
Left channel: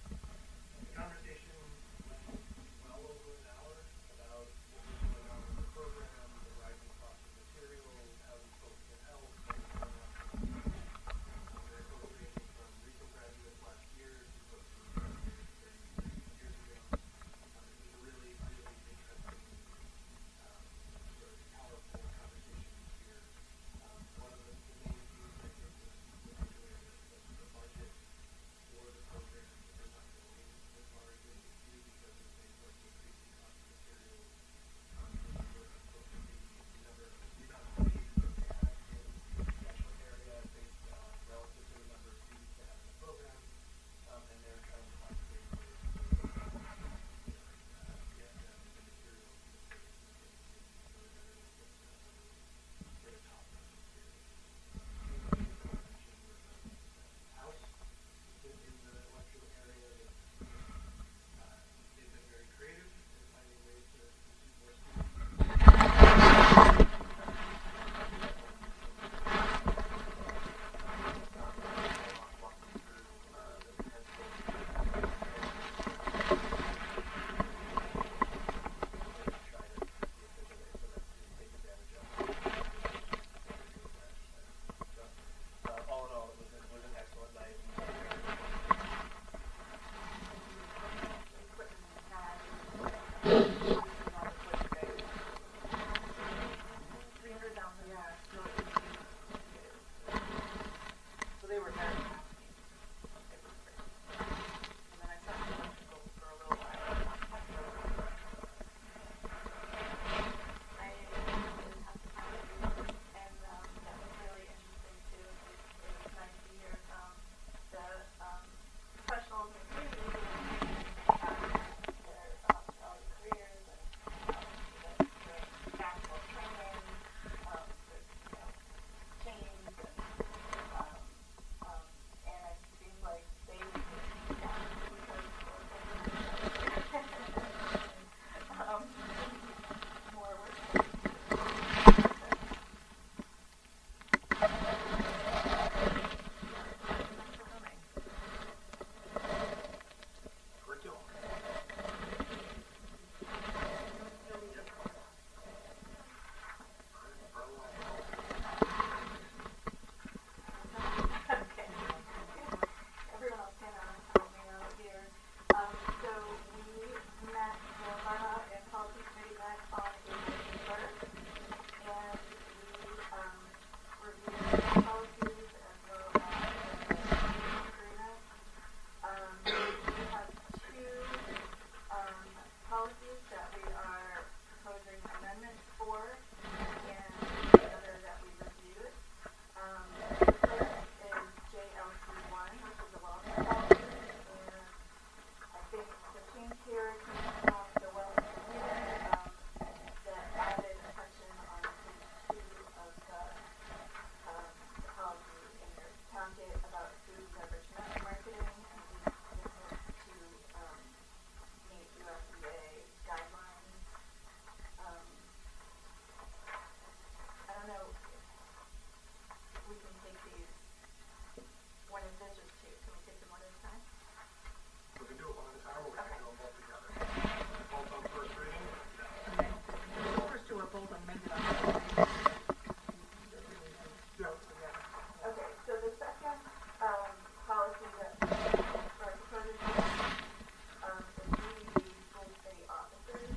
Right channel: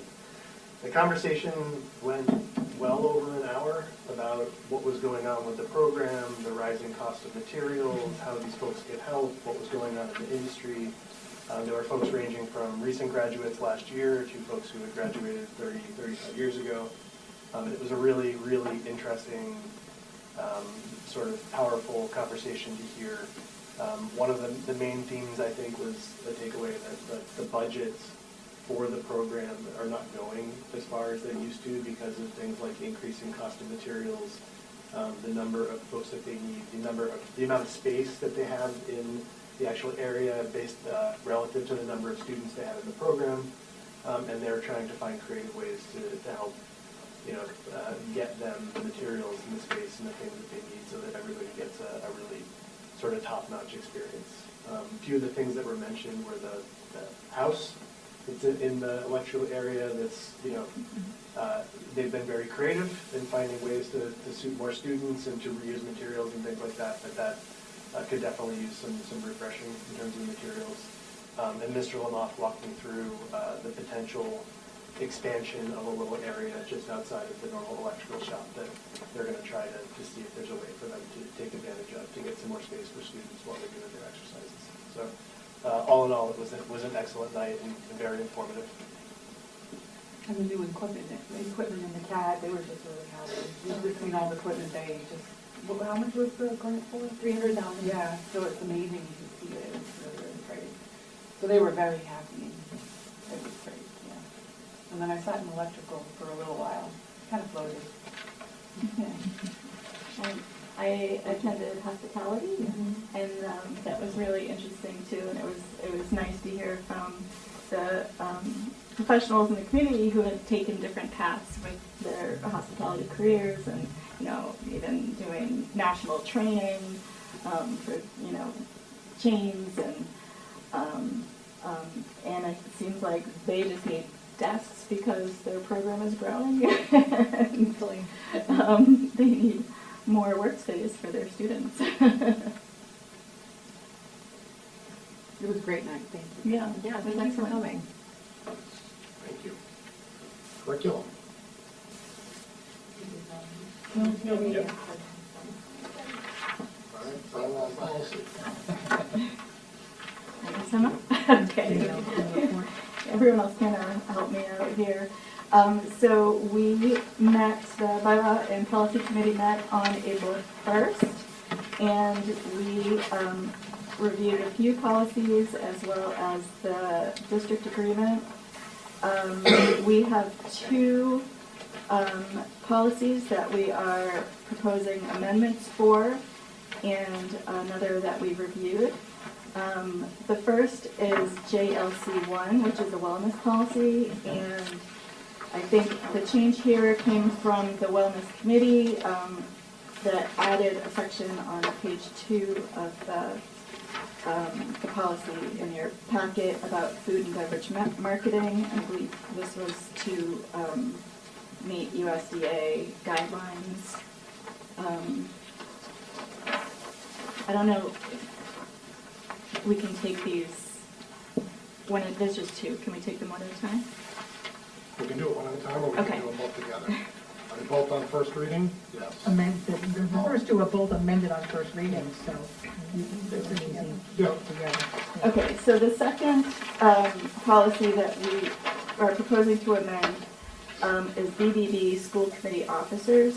the conversation went well over an hour about what was going on with the program, the rising cost of materials, how these folks get help, what was going on in the industry. There were folks ranging from recent graduates last year to folks who had graduated 35 years ago. It was a really, really interesting, sort of powerful conversation to hear. One of the main themes, I think, was the takeaway that the budgets for the program are not going as far as they used to because of things like increasing cost of materials, the number of folks that they need, the amount of space that they have in the actual area based relative to the number of students they have in the program, and they're trying to find creative ways to help, get them the materials and the space and the things that they need so that everybody gets a really sort of top-notch experience. A few of the things that were mentioned were the house that's in the electrical area that's, they've been very creative in finding ways to suit more students and to that could definitely use some refreshing in terms of materials. And Mr. Lamoth walked me through the potential expansion of a little area just outside of the normal electrical shop that they're going to try to see if there's a way for them to take advantage of to get some more space for students while they're doing their exercises. So all in all, it was an excellent night and very informative. And the new equipment in the CAD, they were just really happy. Between all the equipment, they just, how much was it going for? $300,000. Yeah, so it's amazing to see it. It's really great. So they were very happy. It was great. Yeah. And then I sat in electrical for a little while, kind of floated. I attended hospitality, and that was really interesting too. And it was nice to hear from the professionals in the community who had taken different hats with their hospitality careers, and even doing national training for chains, and it seems like they just need desks because their program is growing. They need more workspace for their students. It was great. Yeah, Thanks for coming. Curriculum. Yeah. Yep. All right, final policy. Thank you so much. Okay. Everyone else can help me out here. So we met, the Bylaw and Policy Committee met on April 1st, and we reviewed a few policies as well as the district agreement. We have 2 policies that we are proposing amendments for, and another that we reviewed. The first is JLC1, which is a wellness policy, and I think the change here came from the wellness committee that added a section on page 2 of the policy in your packet about food and beverage marketing. I believe this was to meet USDA guidelines. I don't know if we can take these there's just 2. Can we take them one at a time? We can do it one at a time, or we Okay. can do them both together. Are they both on first reading? Yes. The first two are both amended on first reading, so they're pretty easy Yeah. together. Okay, so the second policy that we are proposing to amend is BBB, school committee officers.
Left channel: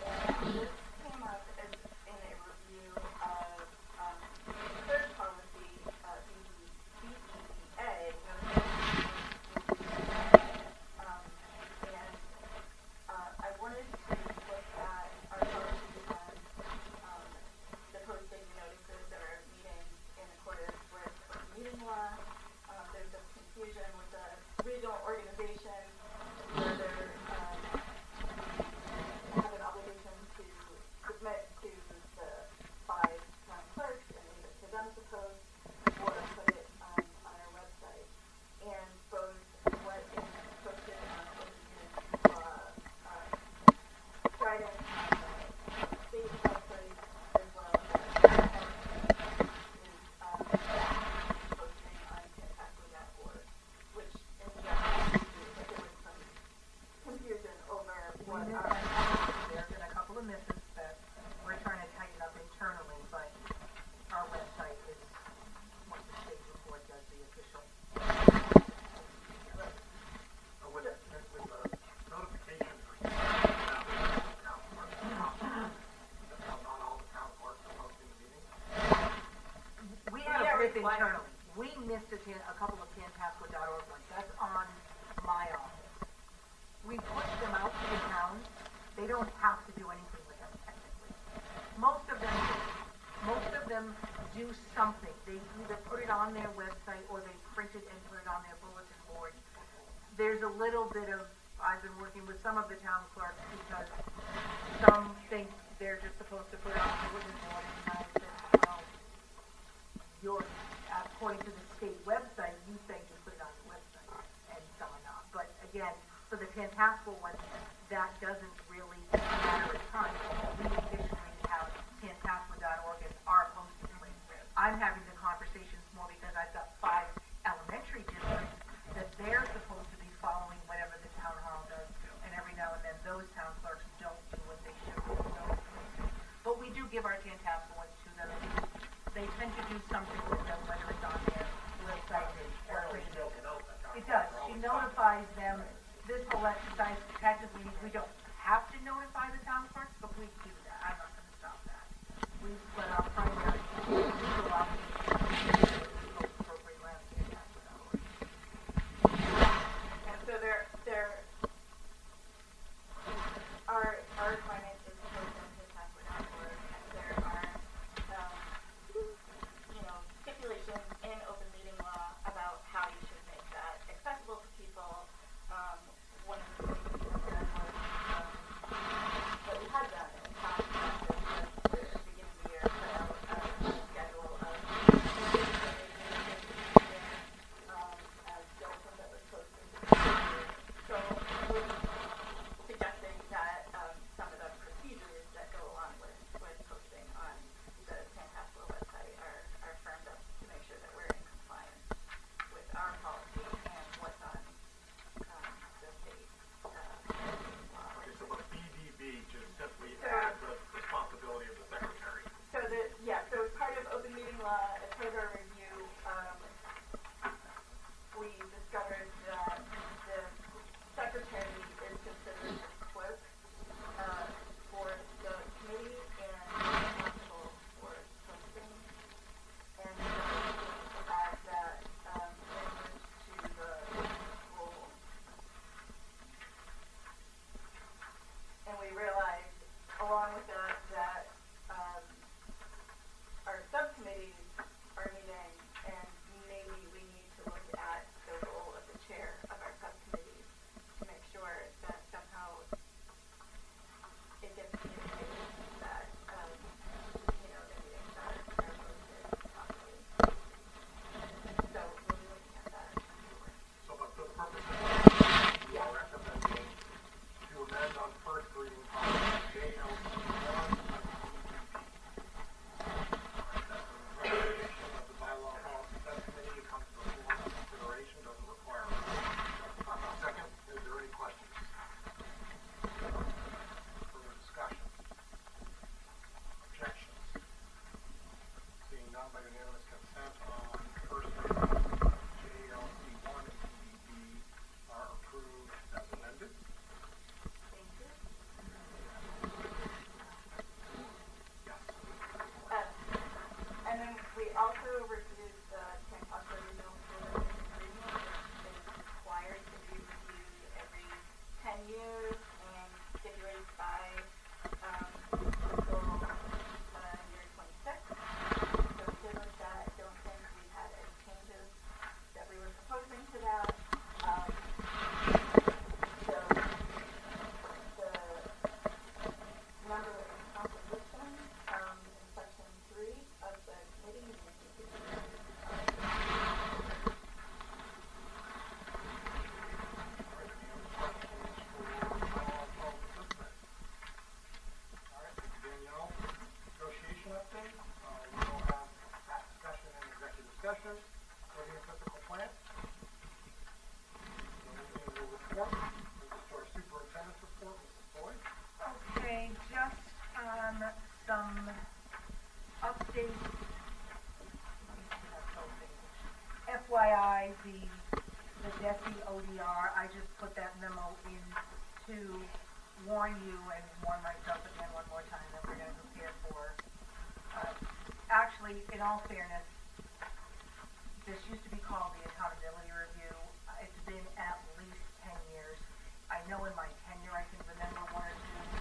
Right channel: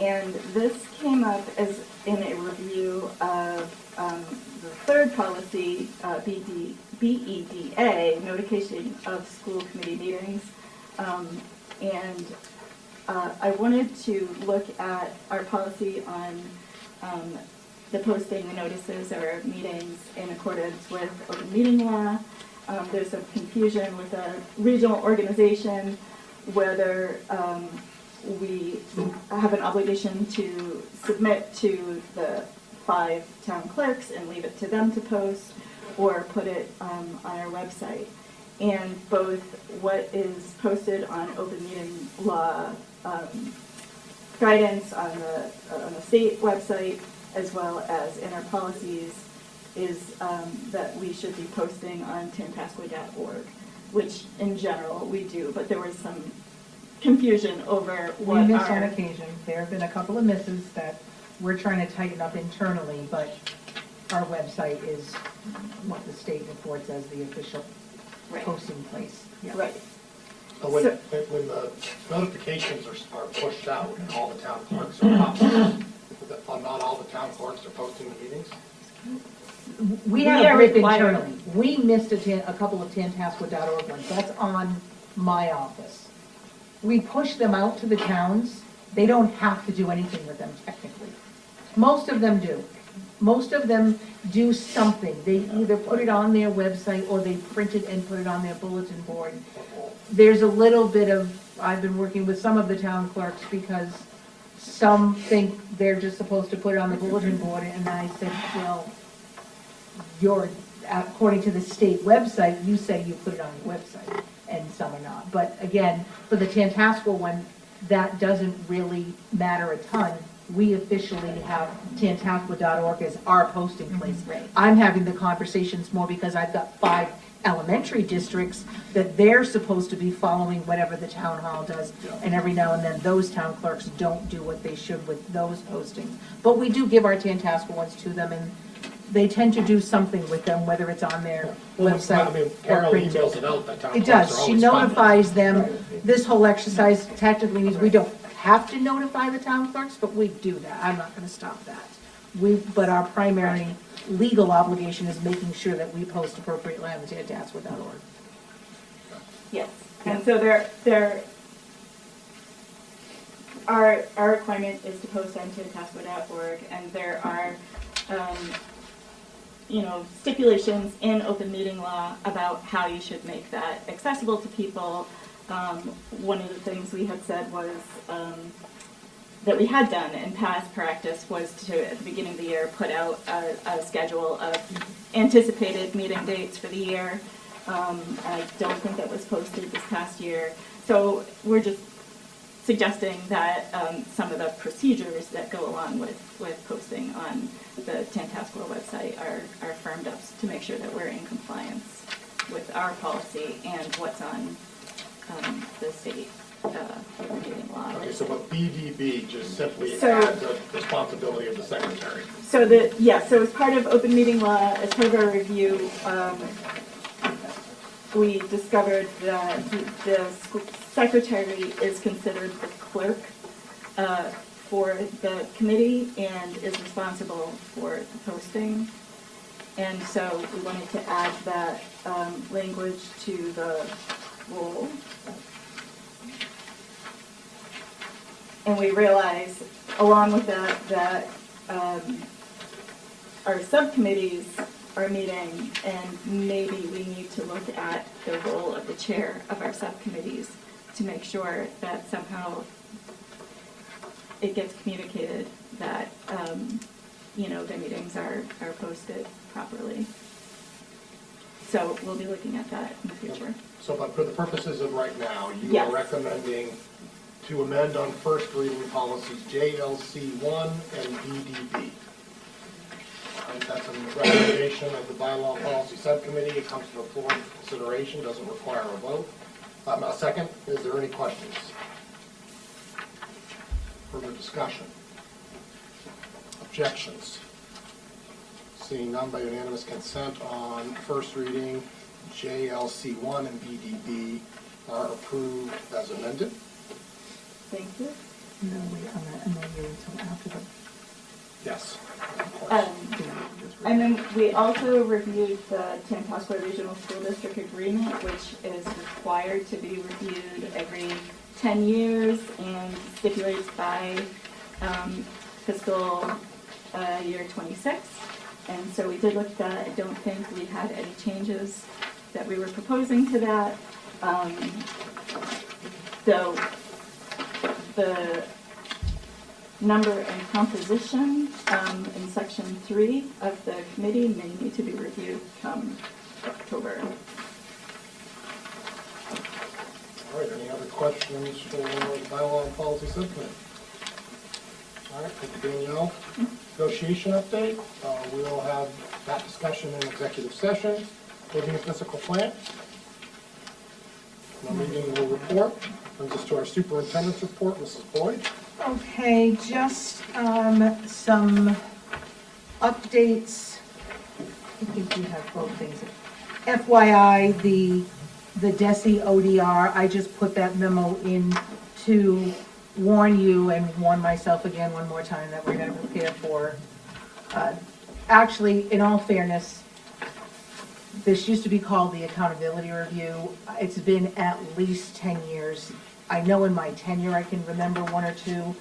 And this came up as in a review of the third policy, BEDA, notification of school committee meetings. I wanted to look at our policy on the posting the notices of our meetings in accordance with open meeting law. There's some confusion with a regional organization whether we have an obligation to submit to the 5 town clerks and leave it to them to post, or put it on our website. And both what is posted on open meeting law guidance on the state website, as well as in our policies, is that we should be posting on Tantasqua.org, which in general we do, but there was some confusion over what We missed on occasion. There have been a couple of misses that we're trying to tighten up internally, but our website is what the state reports as the official posting place. Yeah. Right. When the notifications are pushed out, all the town clerks are posting, not all the town clerks are posting the meetings? We have a grip internally. We missed a couple of Tantasqua.org ones. That's on my office. We push them out to the towns. They don't have to do anything with them technically. Most of them do. Most of them do something. They either put it on their website or they print it and put it on their bulletin board. There's a little bit of, I've been working with some of the town clerks because some think they're just supposed to put it on the bulletin board, and I said, well, according to the state website, you say you put it on your website, and some are not. But again, for the Tantasqua one, that doesn't really matter a ton. We officially have Tantasqua.org as our posting place. Right. I'm having the conversations more because I've got 5 elementary districts that they're supposed to be following whatever the town hall does, and every now and then those town clerks don't do what they should with those postings. But we do give our Tantasqua ones to them, and they tend to do something with them, whether it's on their website I mean, or Carol printed. emails it out, that town It clerks does. are She always notifies them. This whole exercise technically means we don't have to notify the town clerks, but we do that. I'm not gonna stop that. But our primary legal obligation is making sure that we post appropriately on Tantasqua.org. Yes, and so our requirement is to post on Tantasqua.org, and there are, stipulations in open meeting law about how you should make that accessible to people. One of the things we had said was, that we had done in past practice was to, at the beginning of the year, put out a schedule of anticipated meeting dates for the year. I don't think that was posted this past year. So we're just suggesting that some of the procedures that go along with posting on the Tantasqua website are firmed up to make sure that we're in compliance with our policy and what's on the state meeting law. Okay, so but BDB just simply So- adds the responsibility of the secretary. So as part of open meeting law, as part of our review, we discovered that the secretary is considered the clerk for the committee and is responsible for the posting. And so we wanted to add that language to the role. And we realized, along with that, our subcommittees our meeting, and maybe we need to look at the role of the chair of our subcommittees to make sure that somehow it gets communicated that, the meetings are posted properly. So we'll be looking at that in the future. So, but for the purposes of right now, you Yes. are recommending to amend on first reading policy JLC1 and BDB. That's a recommendation of the bylaw policy subcommittee. It comes to the floor for consideration, doesn't require a vote. A second, is there any questions? Further discussion? Objections? Seeing none by unanimous consent on first reading, JLC1 and BDB are approved as amended. Thank you. And then wait on that, and then wait until after the. Yes, of course. And then we also reviewed the Tantasqua Regional School District Agreement, which is required to be reviewed every 10 years and stipulates by fiscal year 26. And so we did look at that. I don't think we had any changes that we were proposing to that. So the number and composition in section 3 of the committee may need to be reviewed come October. All right, any other questions for bylaw and policy subcommittee? All right, thank you, Danielle. Negotiation update. We'll have that discussion in executive session. Building and physical plant. No meeting will report. Brings us to our superintendent's report, Mrs. Boyd. Okay, just some updates. I think we have both things. FYI, the DESI ODR, I just put that memo in to warn you and warn myself again one more time that we're going to prepare for. Actually, in all fairness, this used to be called the accountability review. It's been at least 10 years. I know in my tenure I can remember one or two,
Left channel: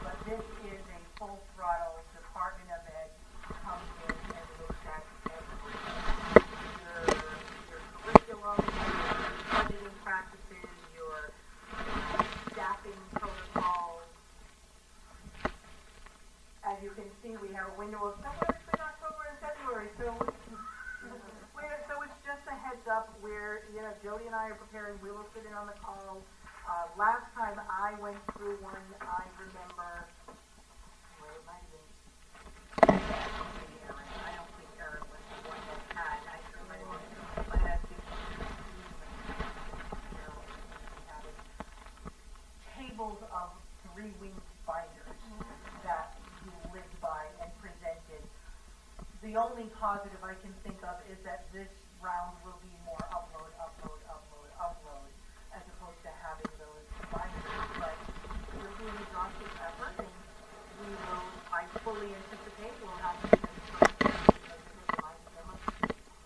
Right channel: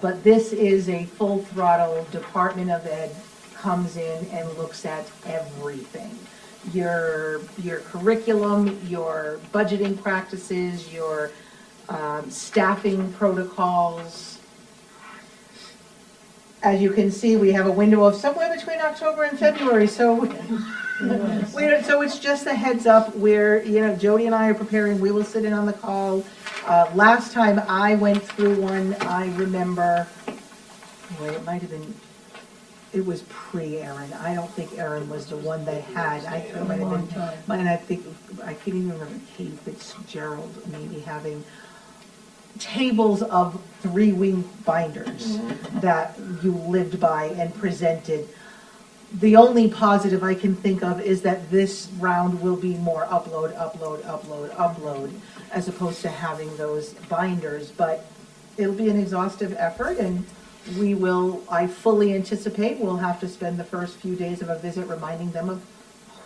but this is a full throttle Department of Ed comes in and looks at everything. Your curriculum, your budgeting practices, your staffing protocols. As you can see, we have a window of somewhere between October and February, so so it's just a heads up where, Jody and I are preparing, we will sit in on the call. Last time I went through one, I remember, it might have been, it was pre-Aaron. I don't think Aaron was the one they had. I think it might have been, and I can't even remember, Katie Fitzgerald maybe having tables of 3-wing binders that you lived by and presented. The only positive I can think of is that this round will be more upload, as opposed to having those binders, but it'll be an exhaustive effort, and I fully anticipate we'll have to spend the first few days of a visit reminding them of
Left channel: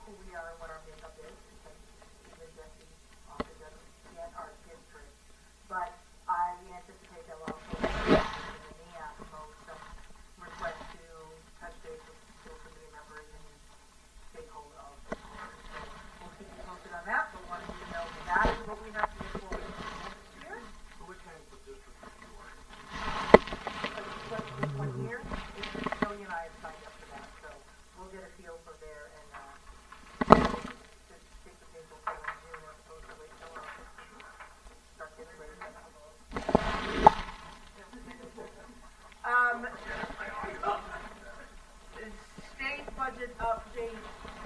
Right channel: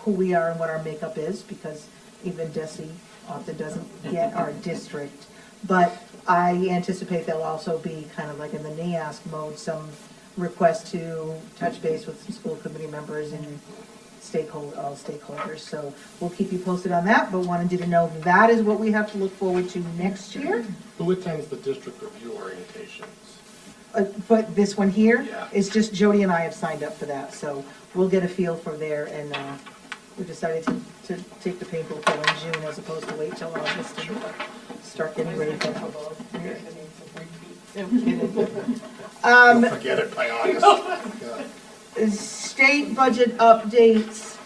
who we are and what our makeup is, because even DESI often doesn't get our district. But I anticipate there'll also be, kind of like in the NEASC mode, some request to touch base with some school committee members and all stakeholders. So we'll keep you posted on that, but wanted you to know that is what we have to look forward to next year. Who attends the district review orientation? But this one here Yeah. is just Jody and I have signed up for that, so we'll get a feel for there, and we decided to take the painful pill in June as opposed to wait till August to start getting ready for that. Don't forget it by August. Yeah. State budget updates.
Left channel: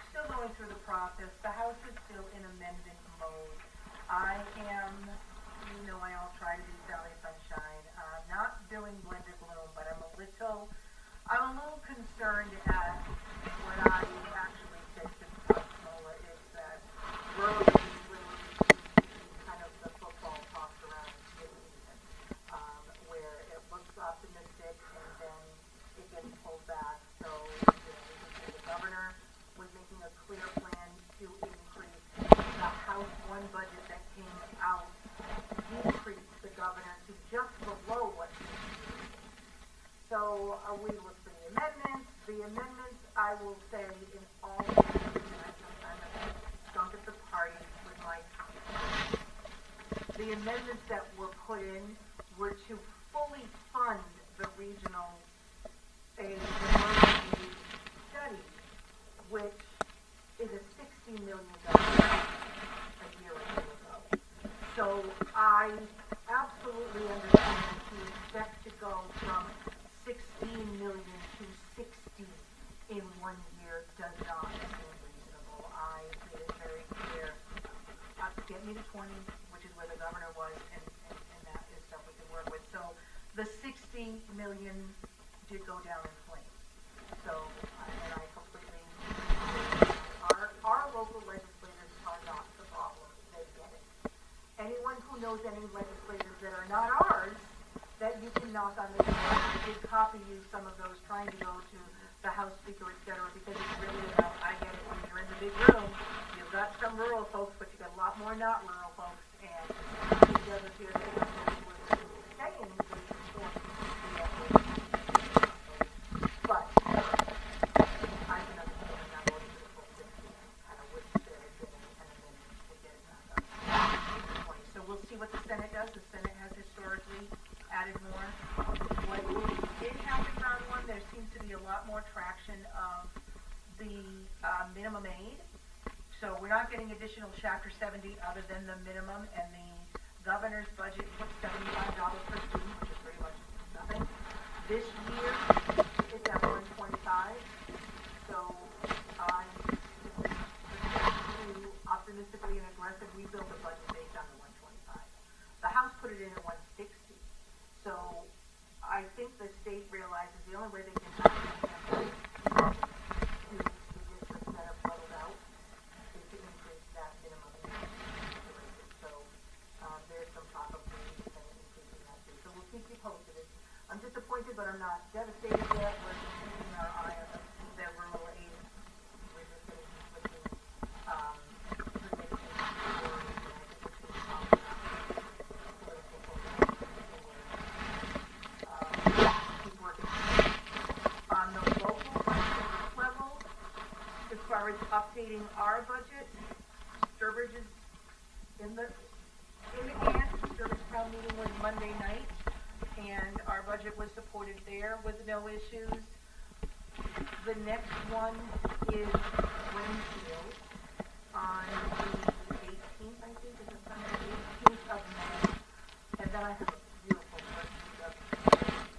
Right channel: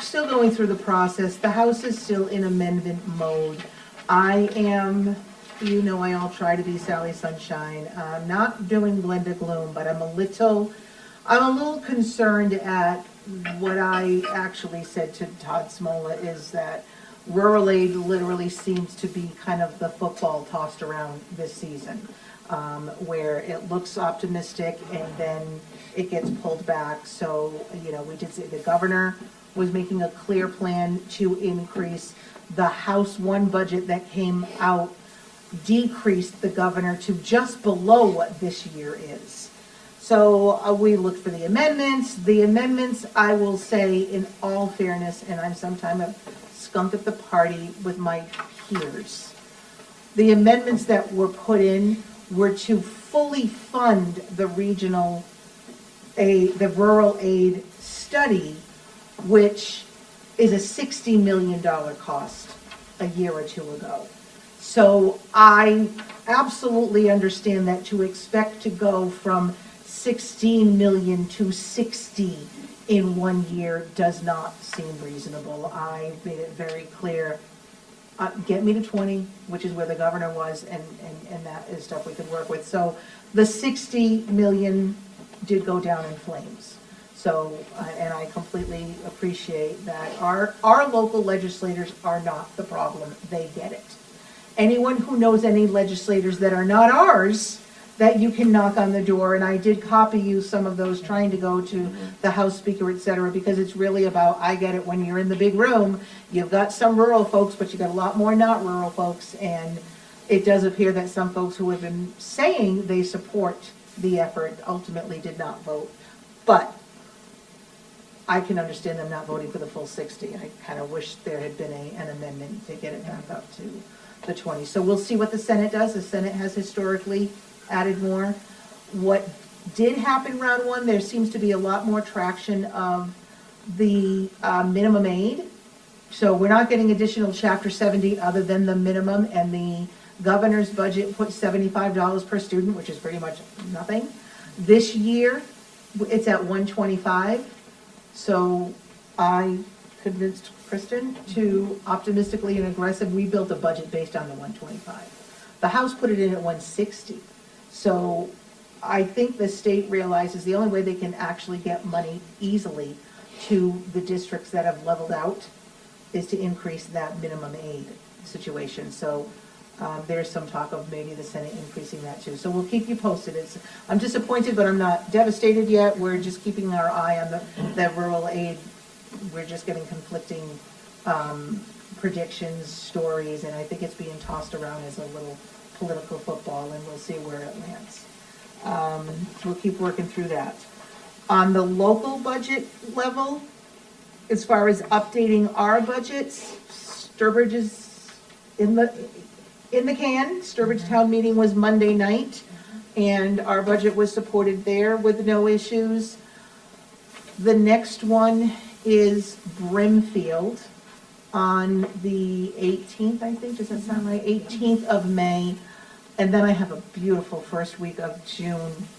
Still going through the process. The House is still in amendment mode. I am, I all try to be Sally Sunshine. Not doing Glenda Gloom, but I'm a little concerned at what I actually said to Todd Smola, is that rural aid literally seems to be kind of the football tossed around this season, where it looks optimistic and then it gets pulled back. So, we did say the governor was making a clear plan to increase. The House 1 budget that came out decreased the governor to just below what this year is. So we looked for the amendments. The amendments, I will say in all fairness, and I'm sometimes a skunk at the party with my peers. The amendments that were put in were to fully fund the regional aid, the rural aid study, which is a $60 million cost a year or two ago. So I absolutely understand that to expect to go from 16 million to 60 in 1 year does not seem reasonable. I made it very clear, get me to 20, which is where the governor was, and that is stuff we could work with. So the 60 million did go down in flames. So, and I completely appreciate that our local legislators are not the problem, they get it. Anyone who knows any legislators that are not ours, that you can knock on the door, and I did copy you some of those trying to go to the House Speaker, et cetera, because it's really about, I get it, when you're in the big room, you've got some rural folks, but you got a lot more not rural folks, and it does appear that some folks who have been saying they support the effort ultimately did not vote. But I can understand them not voting for the full 60. I kind of wish there had been an amendment to get it back up to the 20. So we'll see what the Senate does. The Senate has historically added more. What did happen round one, there seems to be a lot more traction of the minimum aid. So we're not getting additional Chapter 70 other than the minimum, and the governor's budget put $75 per student, which is pretty much nothing. This year, it's at $125. So I convinced Kristen to optimistically and aggressive, we built a budget based on the 125. The House put it in at 160. So I think the state realizes the only way they can actually get money easily to the districts that have leveled out is to increase that minimum aid situation. So there's some talk of maybe the Senate increasing that too. So we'll keep you posted. I'm disappointed, but I'm not devastated yet. We're just keeping our eye on the rural aid. We're just getting conflicting predictions, stories, and I think it's being tossed around as a little political football, and we'll see where it lands. We'll keep working through that. On the local budget level, as far as updating our budgets, Sturbridge is in the can. Sturbridge town meeting was Monday night, and our budget was supported there with no issues. The next one is Brimfield on the 18th, I think, does that sound right? 18th of May. And then I have a beautiful first week of June.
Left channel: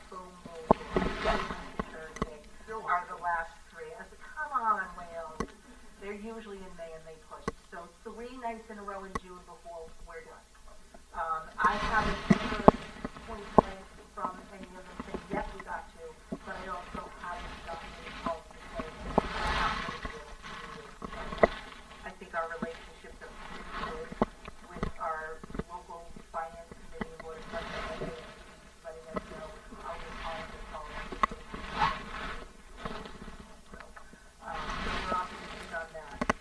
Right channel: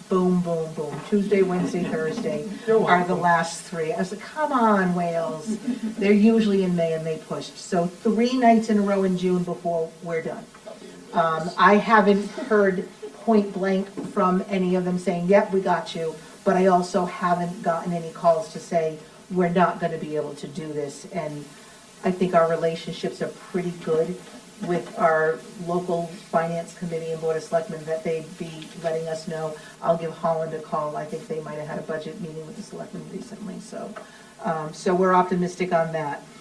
Boom, boom, boom. Tuesday, Wednesday, Thursday are the last three. I was like, come on, Wales. They're usually in May and they pushed. So 3 nights in a row in June before we're done. I haven't heard point blank from any of them saying, yep, we got you. But I also haven't gotten any calls to say, we're not going to be able to do this. And I think our relationships are pretty good with our local finance committee and board of selectmen, that they'd be letting us know. I'll give Holland a call. I think they might have had a budget meeting with the selectmen recently. So we're optimistic on that.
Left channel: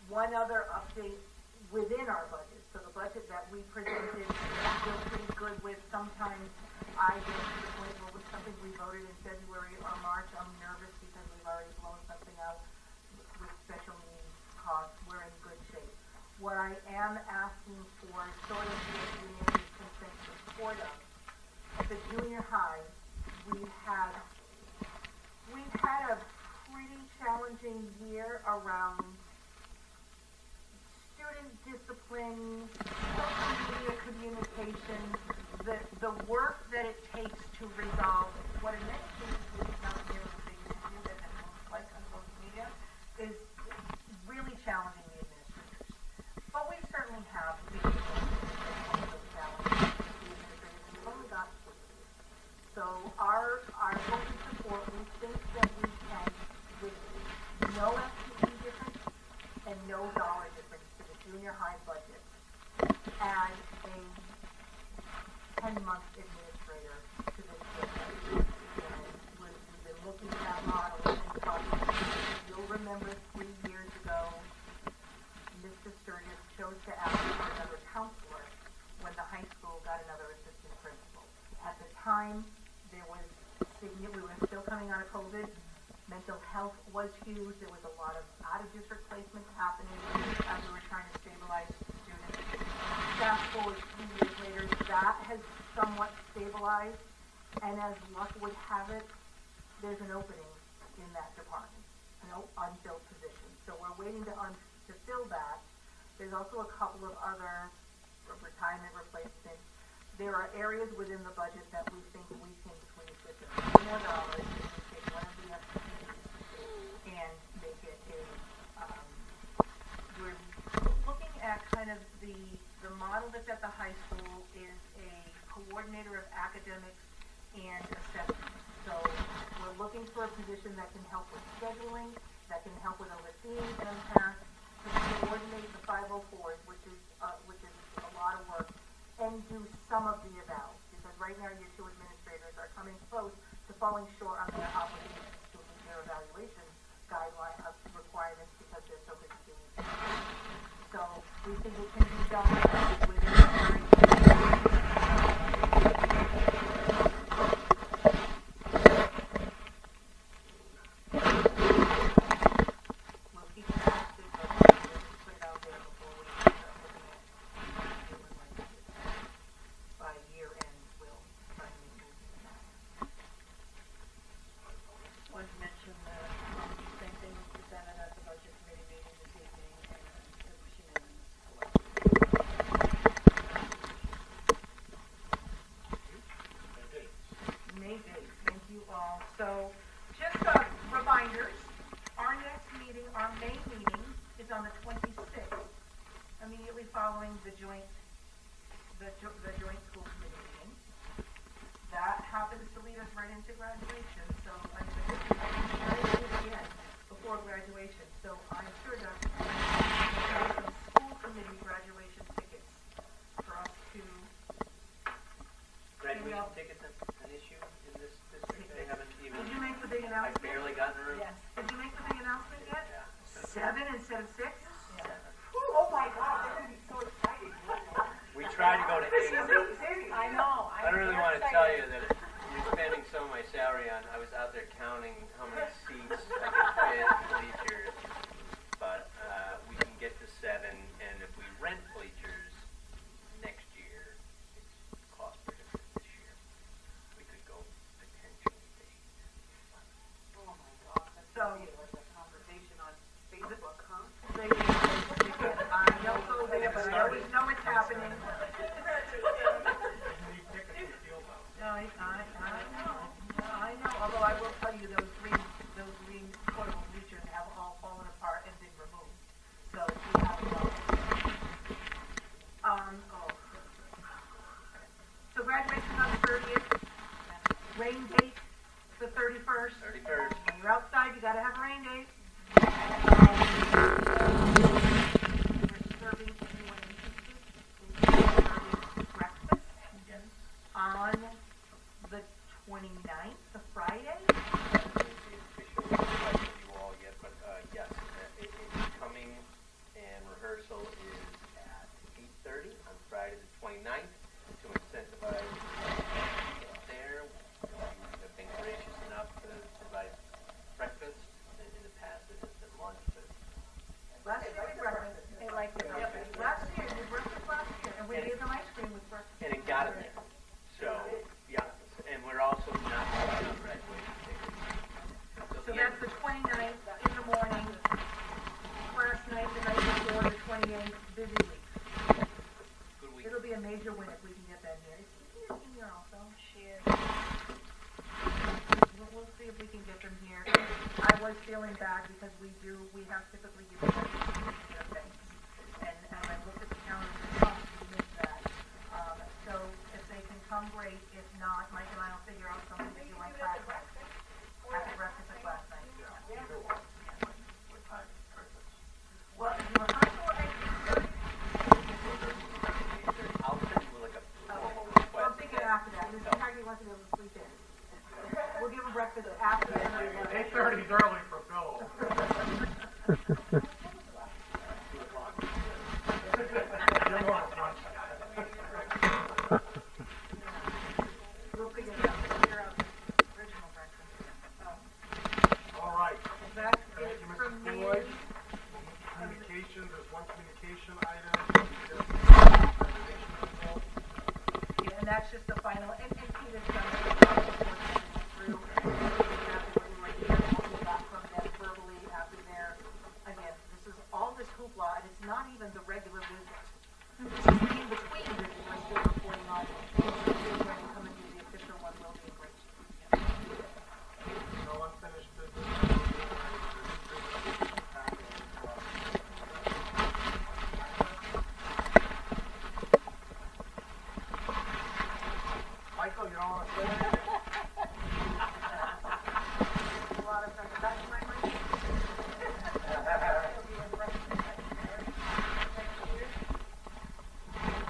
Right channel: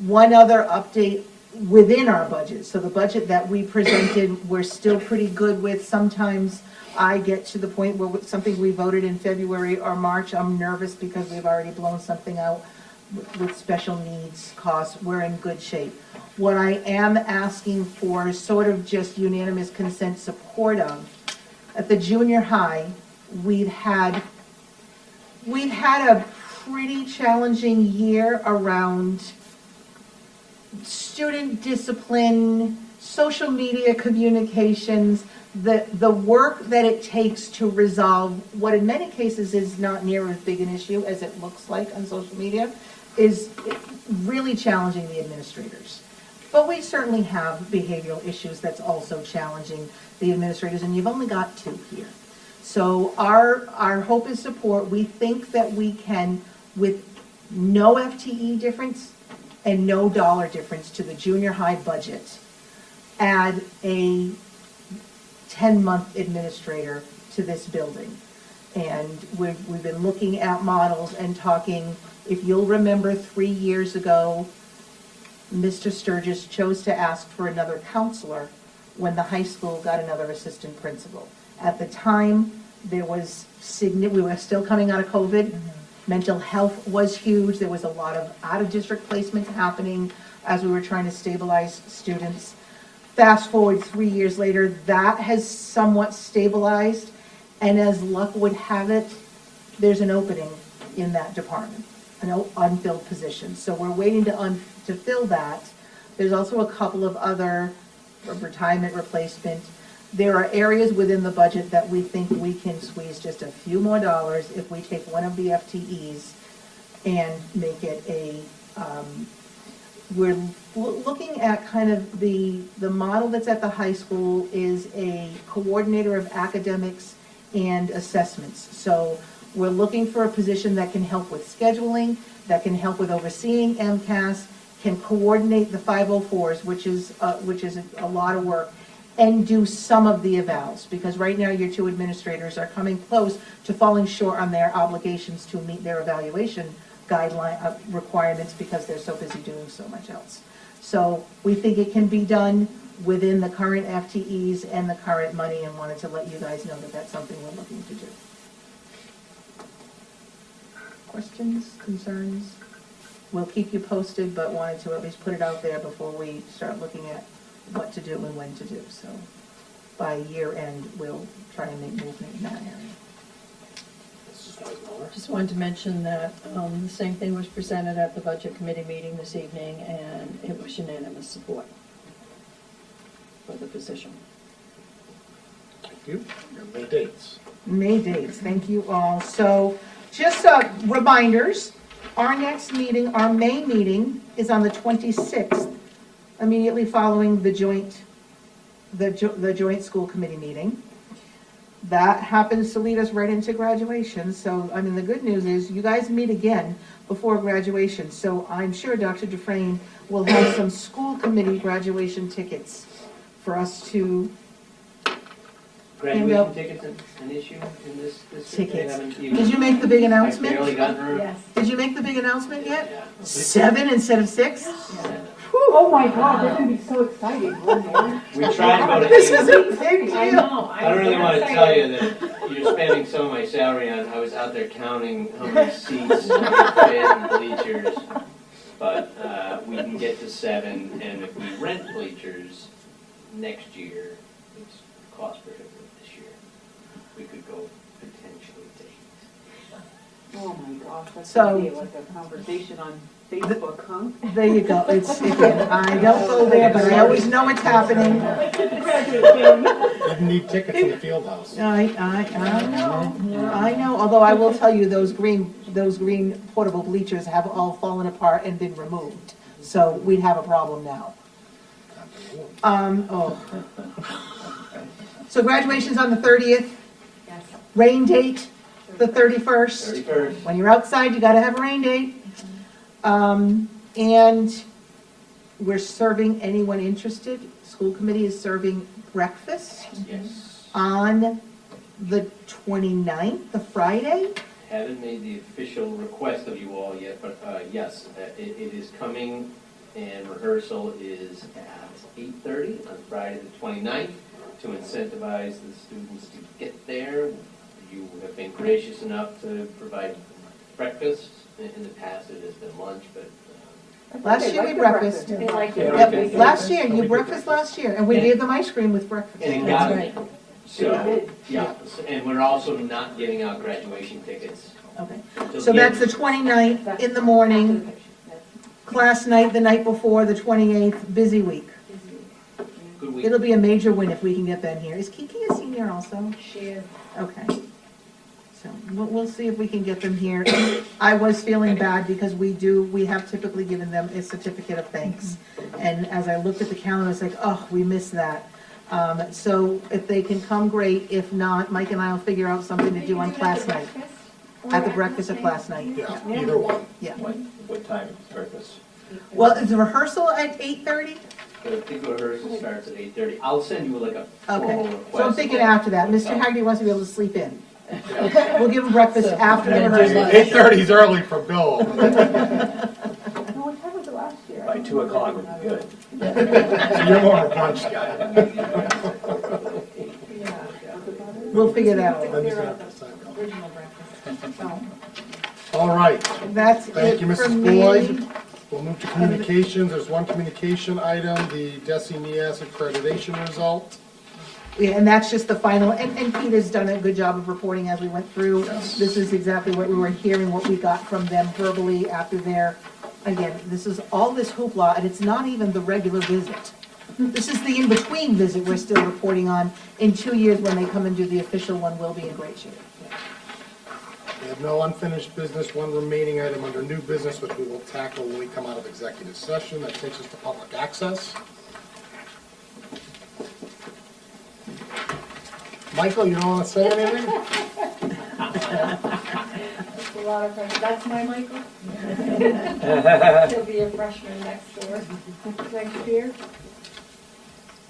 One other update within our budget. So the budget that we presented, we're still pretty good with. Sometimes I get to the point where with something we voted in February or March, I'm nervous because we've already blown something out with special needs costs. We're in good shape. What I am asking for is sort of just unanimous consent support of. At the junior high, we've had a pretty challenging year around student discipline, social media communications, the work that it takes to resolve what in many cases is not near as big an issue as it looks like on social media is really challenging the administrators. But we certainly have behavioral issues that's also challenging the administrators, and you've only got 2 here. So our hope is support. We think that we can, with no FTE difference and no dollar difference to the junior high budget, add a 10-month administrator to this building. And we've been looking at models and talking. If you'll remember 3 years ago, Mr. Sturgis chose to ask for another counselor when the high school got another assistant principal. At the time, There was we were still coming out of COVID. Mental health was huge. There was a lot of out-of-district placement happening as we were trying to stabilize students. Fast forward 3 years later, that has somewhat stabilized, and as luck would have it, there's an opening in that department, an unfilled position. So we're waiting to fill that. There's also a couple of other retirement replacement. There are areas within the budget that we think we can squeeze just a few more dollars if we take one of the FTEs and make it we're looking at kind of the model that's at the high school is a coordinator of academics and assessments. So we're looking for a position that can help with scheduling, that can help with overseeing MCAS, can coordinate the 504s, which is a lot of work, and do some of the evals, because right now your two administrators are coming close to falling short on their obligations to meet their evaluation guideline requirements because they're so busy doing so much else. So we think it can be done within the current FTEs and the current money, and that's what you guys know about something we're looking to do. Questions, concerns? We'll keep you posted, but wanted to at least put it out there before we start looking at what to do and when to do. So by year end, we'll try and make movement in that area. Just wanted to mention that the same thing was presented at the Budget Committee meeting this evening, and it was unanimous support for the position. Thank you. Your May dates. May dates, thank you all. So just reminders, our next meeting, our May meeting is on the 26th, immediately following the joint school committee meeting. That happens to lead us right into graduation. So, I mean, the good news is you guys meet again before graduation. So I'm sure Dr. Dufresne will have some school committee graduation tickets for us to Graduation tickets an issue in this tickets. Did Did you make the big announcement? barely gotten her. Yes. Did you make the big announcement yet? Yeah. 7 instead of 6? Oh my God, they're gonna be so excited. We tried to go to This eight. is a big I deal. know. I don't really want to tell you that you're spending some of my salary on, I was out there counting how many seats and bleachers. But we can get to 7, and if we rent bleachers next year, it's cost prohibitive this year. We could go potentially to 8. Oh my gosh, that's So- gonna be like a conversation on Facebook, huh? There you go. It's, again, I don't go there, but I always know it's happening. Didn't need tickets in the field house. I know, although I will tell you, those green portable bleachers have all fallen apart and been removed. So we have a problem now. So graduation's on the 30th. Rain date, the 31st. 31st. When you're outside, you gotta have a rain date. And we're serving anyone interested. School committee is serving breakfast Yes. on the 29th, the Friday. I haven't made the official request of you all yet, but yes, it is coming, and rehearsal is at 8:30 on Friday the 29th to incentivize the students to get there. You have been gracious enough to provide breakfast. In the past, it has been lunch, but Last year we breakfast. They like it. Yep, last year, you breakfast last year, and we gave them ice cream with breakfast. and it That's got right. me. So, yeah, and we're also not giving out graduation tickets. Okay, so that's the 29th in the morning, class night the night before, the 28th, busy week. Good week. It'll be a major win if we can get Ben here. Is Kiki a senior also? She is. Okay. So we'll see if we can get them here. I was feeling bad because we have typically given them a certificate of thanks. And as I looked at the calendar, I was like, oh, we missed that. So if they can come, great. If not, Mike and I will figure out something to do on class night. At the breakfast at class night. Yeah, either one. Yeah. What time is breakfast? Well, is the rehearsal at 8:30? I think rehearsal starts at 8:30. I'll send you like a formal Okay. request. So I'm thinking after that. Mr. Haggerty wants to be able to sleep in. We'll give him breakfast after the rehearsal. 8:30 is early for Bill. Oh, what time was it last year? By 2 o'clock would be good. So you're more of a brunch guy. We'll figure that out. Original breakfast. All right, That's thank it you, for Mrs. me. Boyd. We'll move to communications. There's one communication item, the DESI NIAS accreditation result. Yeah, and that's just the final, and Pete has done a good job of reporting as we went through. This is exactly what we were hearing, what we got from them verbally after their, again, this is all this hoopla, and it's not even the regular visit. This is the in-between visit we're still reporting on. In 2 years, when they come and do the official one, we'll be in great shape. We have no unfinished business, one remaining item under new business, which we will tackle when we come out of executive session. That takes us to public access. Michael, you don't want to say anything? A lot of pressure. That's my Mikey. He'll be a freshman next year.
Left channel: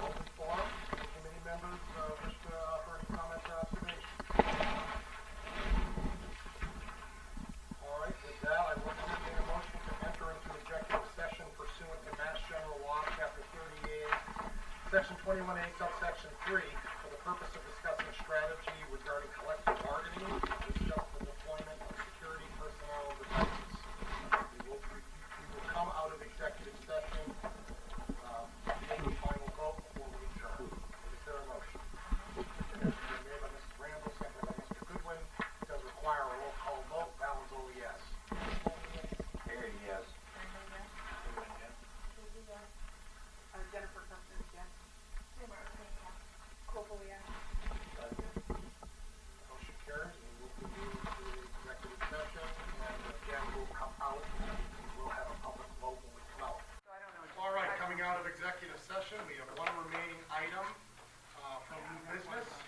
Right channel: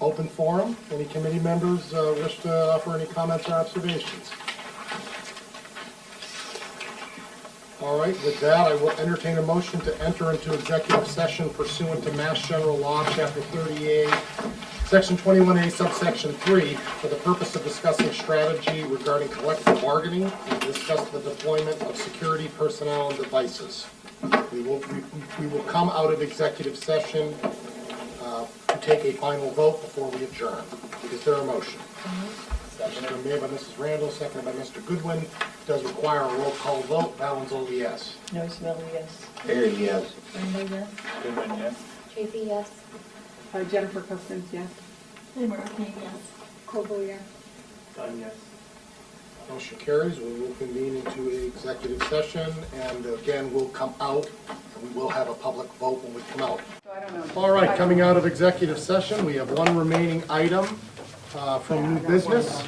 Open forum. Any committee members wish to offer any comments or observations? All right, with that, I will entertain a motion to enter into executive session pursuant to Mass General Law, Chapter 38, Section 21A, subsection 3, for the purpose of discussing strategy regarding collective bargaining and discuss the deployment of security personnel and devices. We will come out of executive session to take a final vote before we adjourn. Is there a motion? Motion made by Mrs. Randall, seconded by Mr. Goodwin. Does require a roll call vote. Valenzola, yes. No, Smelly, yes. Here, yes. Brenda, yes. Goodwin, yes. Tracy, yes. Jennifer Cousins, yes. Seymour, okay, yes. Koval, yes. Done, yes. Motion carries. We will convene into an executive session, and again, we'll come out, and we will have a public vote when we come out. All right, coming out of executive session, we have one remaining item from new business.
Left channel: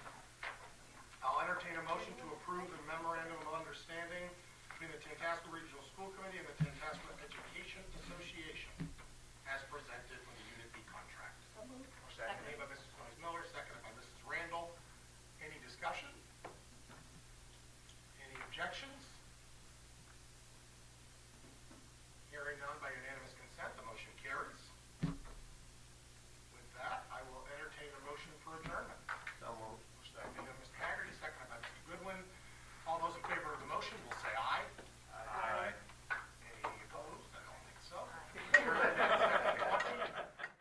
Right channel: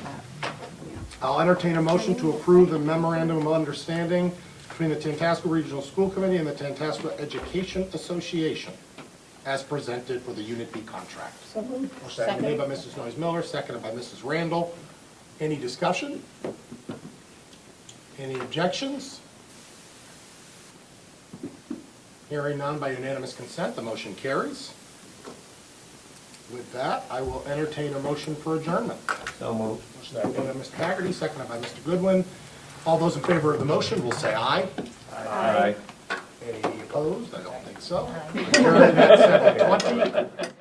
I'll entertain a motion to approve the memorandum of understanding between the Tantasqua Regional School Committee and the Tantasqua Education Association as presented for the Unit B contract. Motion made by Mrs. Noyes-Miller, seconded by Mrs. Randall. Any discussion? Any objections? Hearing none, by unanimous consent, the motion carries. With that, I will entertain a motion for adjournment. So moved. Motion made by Mr. Haggerty, seconded by Mr. Goodwin. All those in favor of the motion will say aye. Aye. Any opposed? I don't think so. Adjourned at 7:20.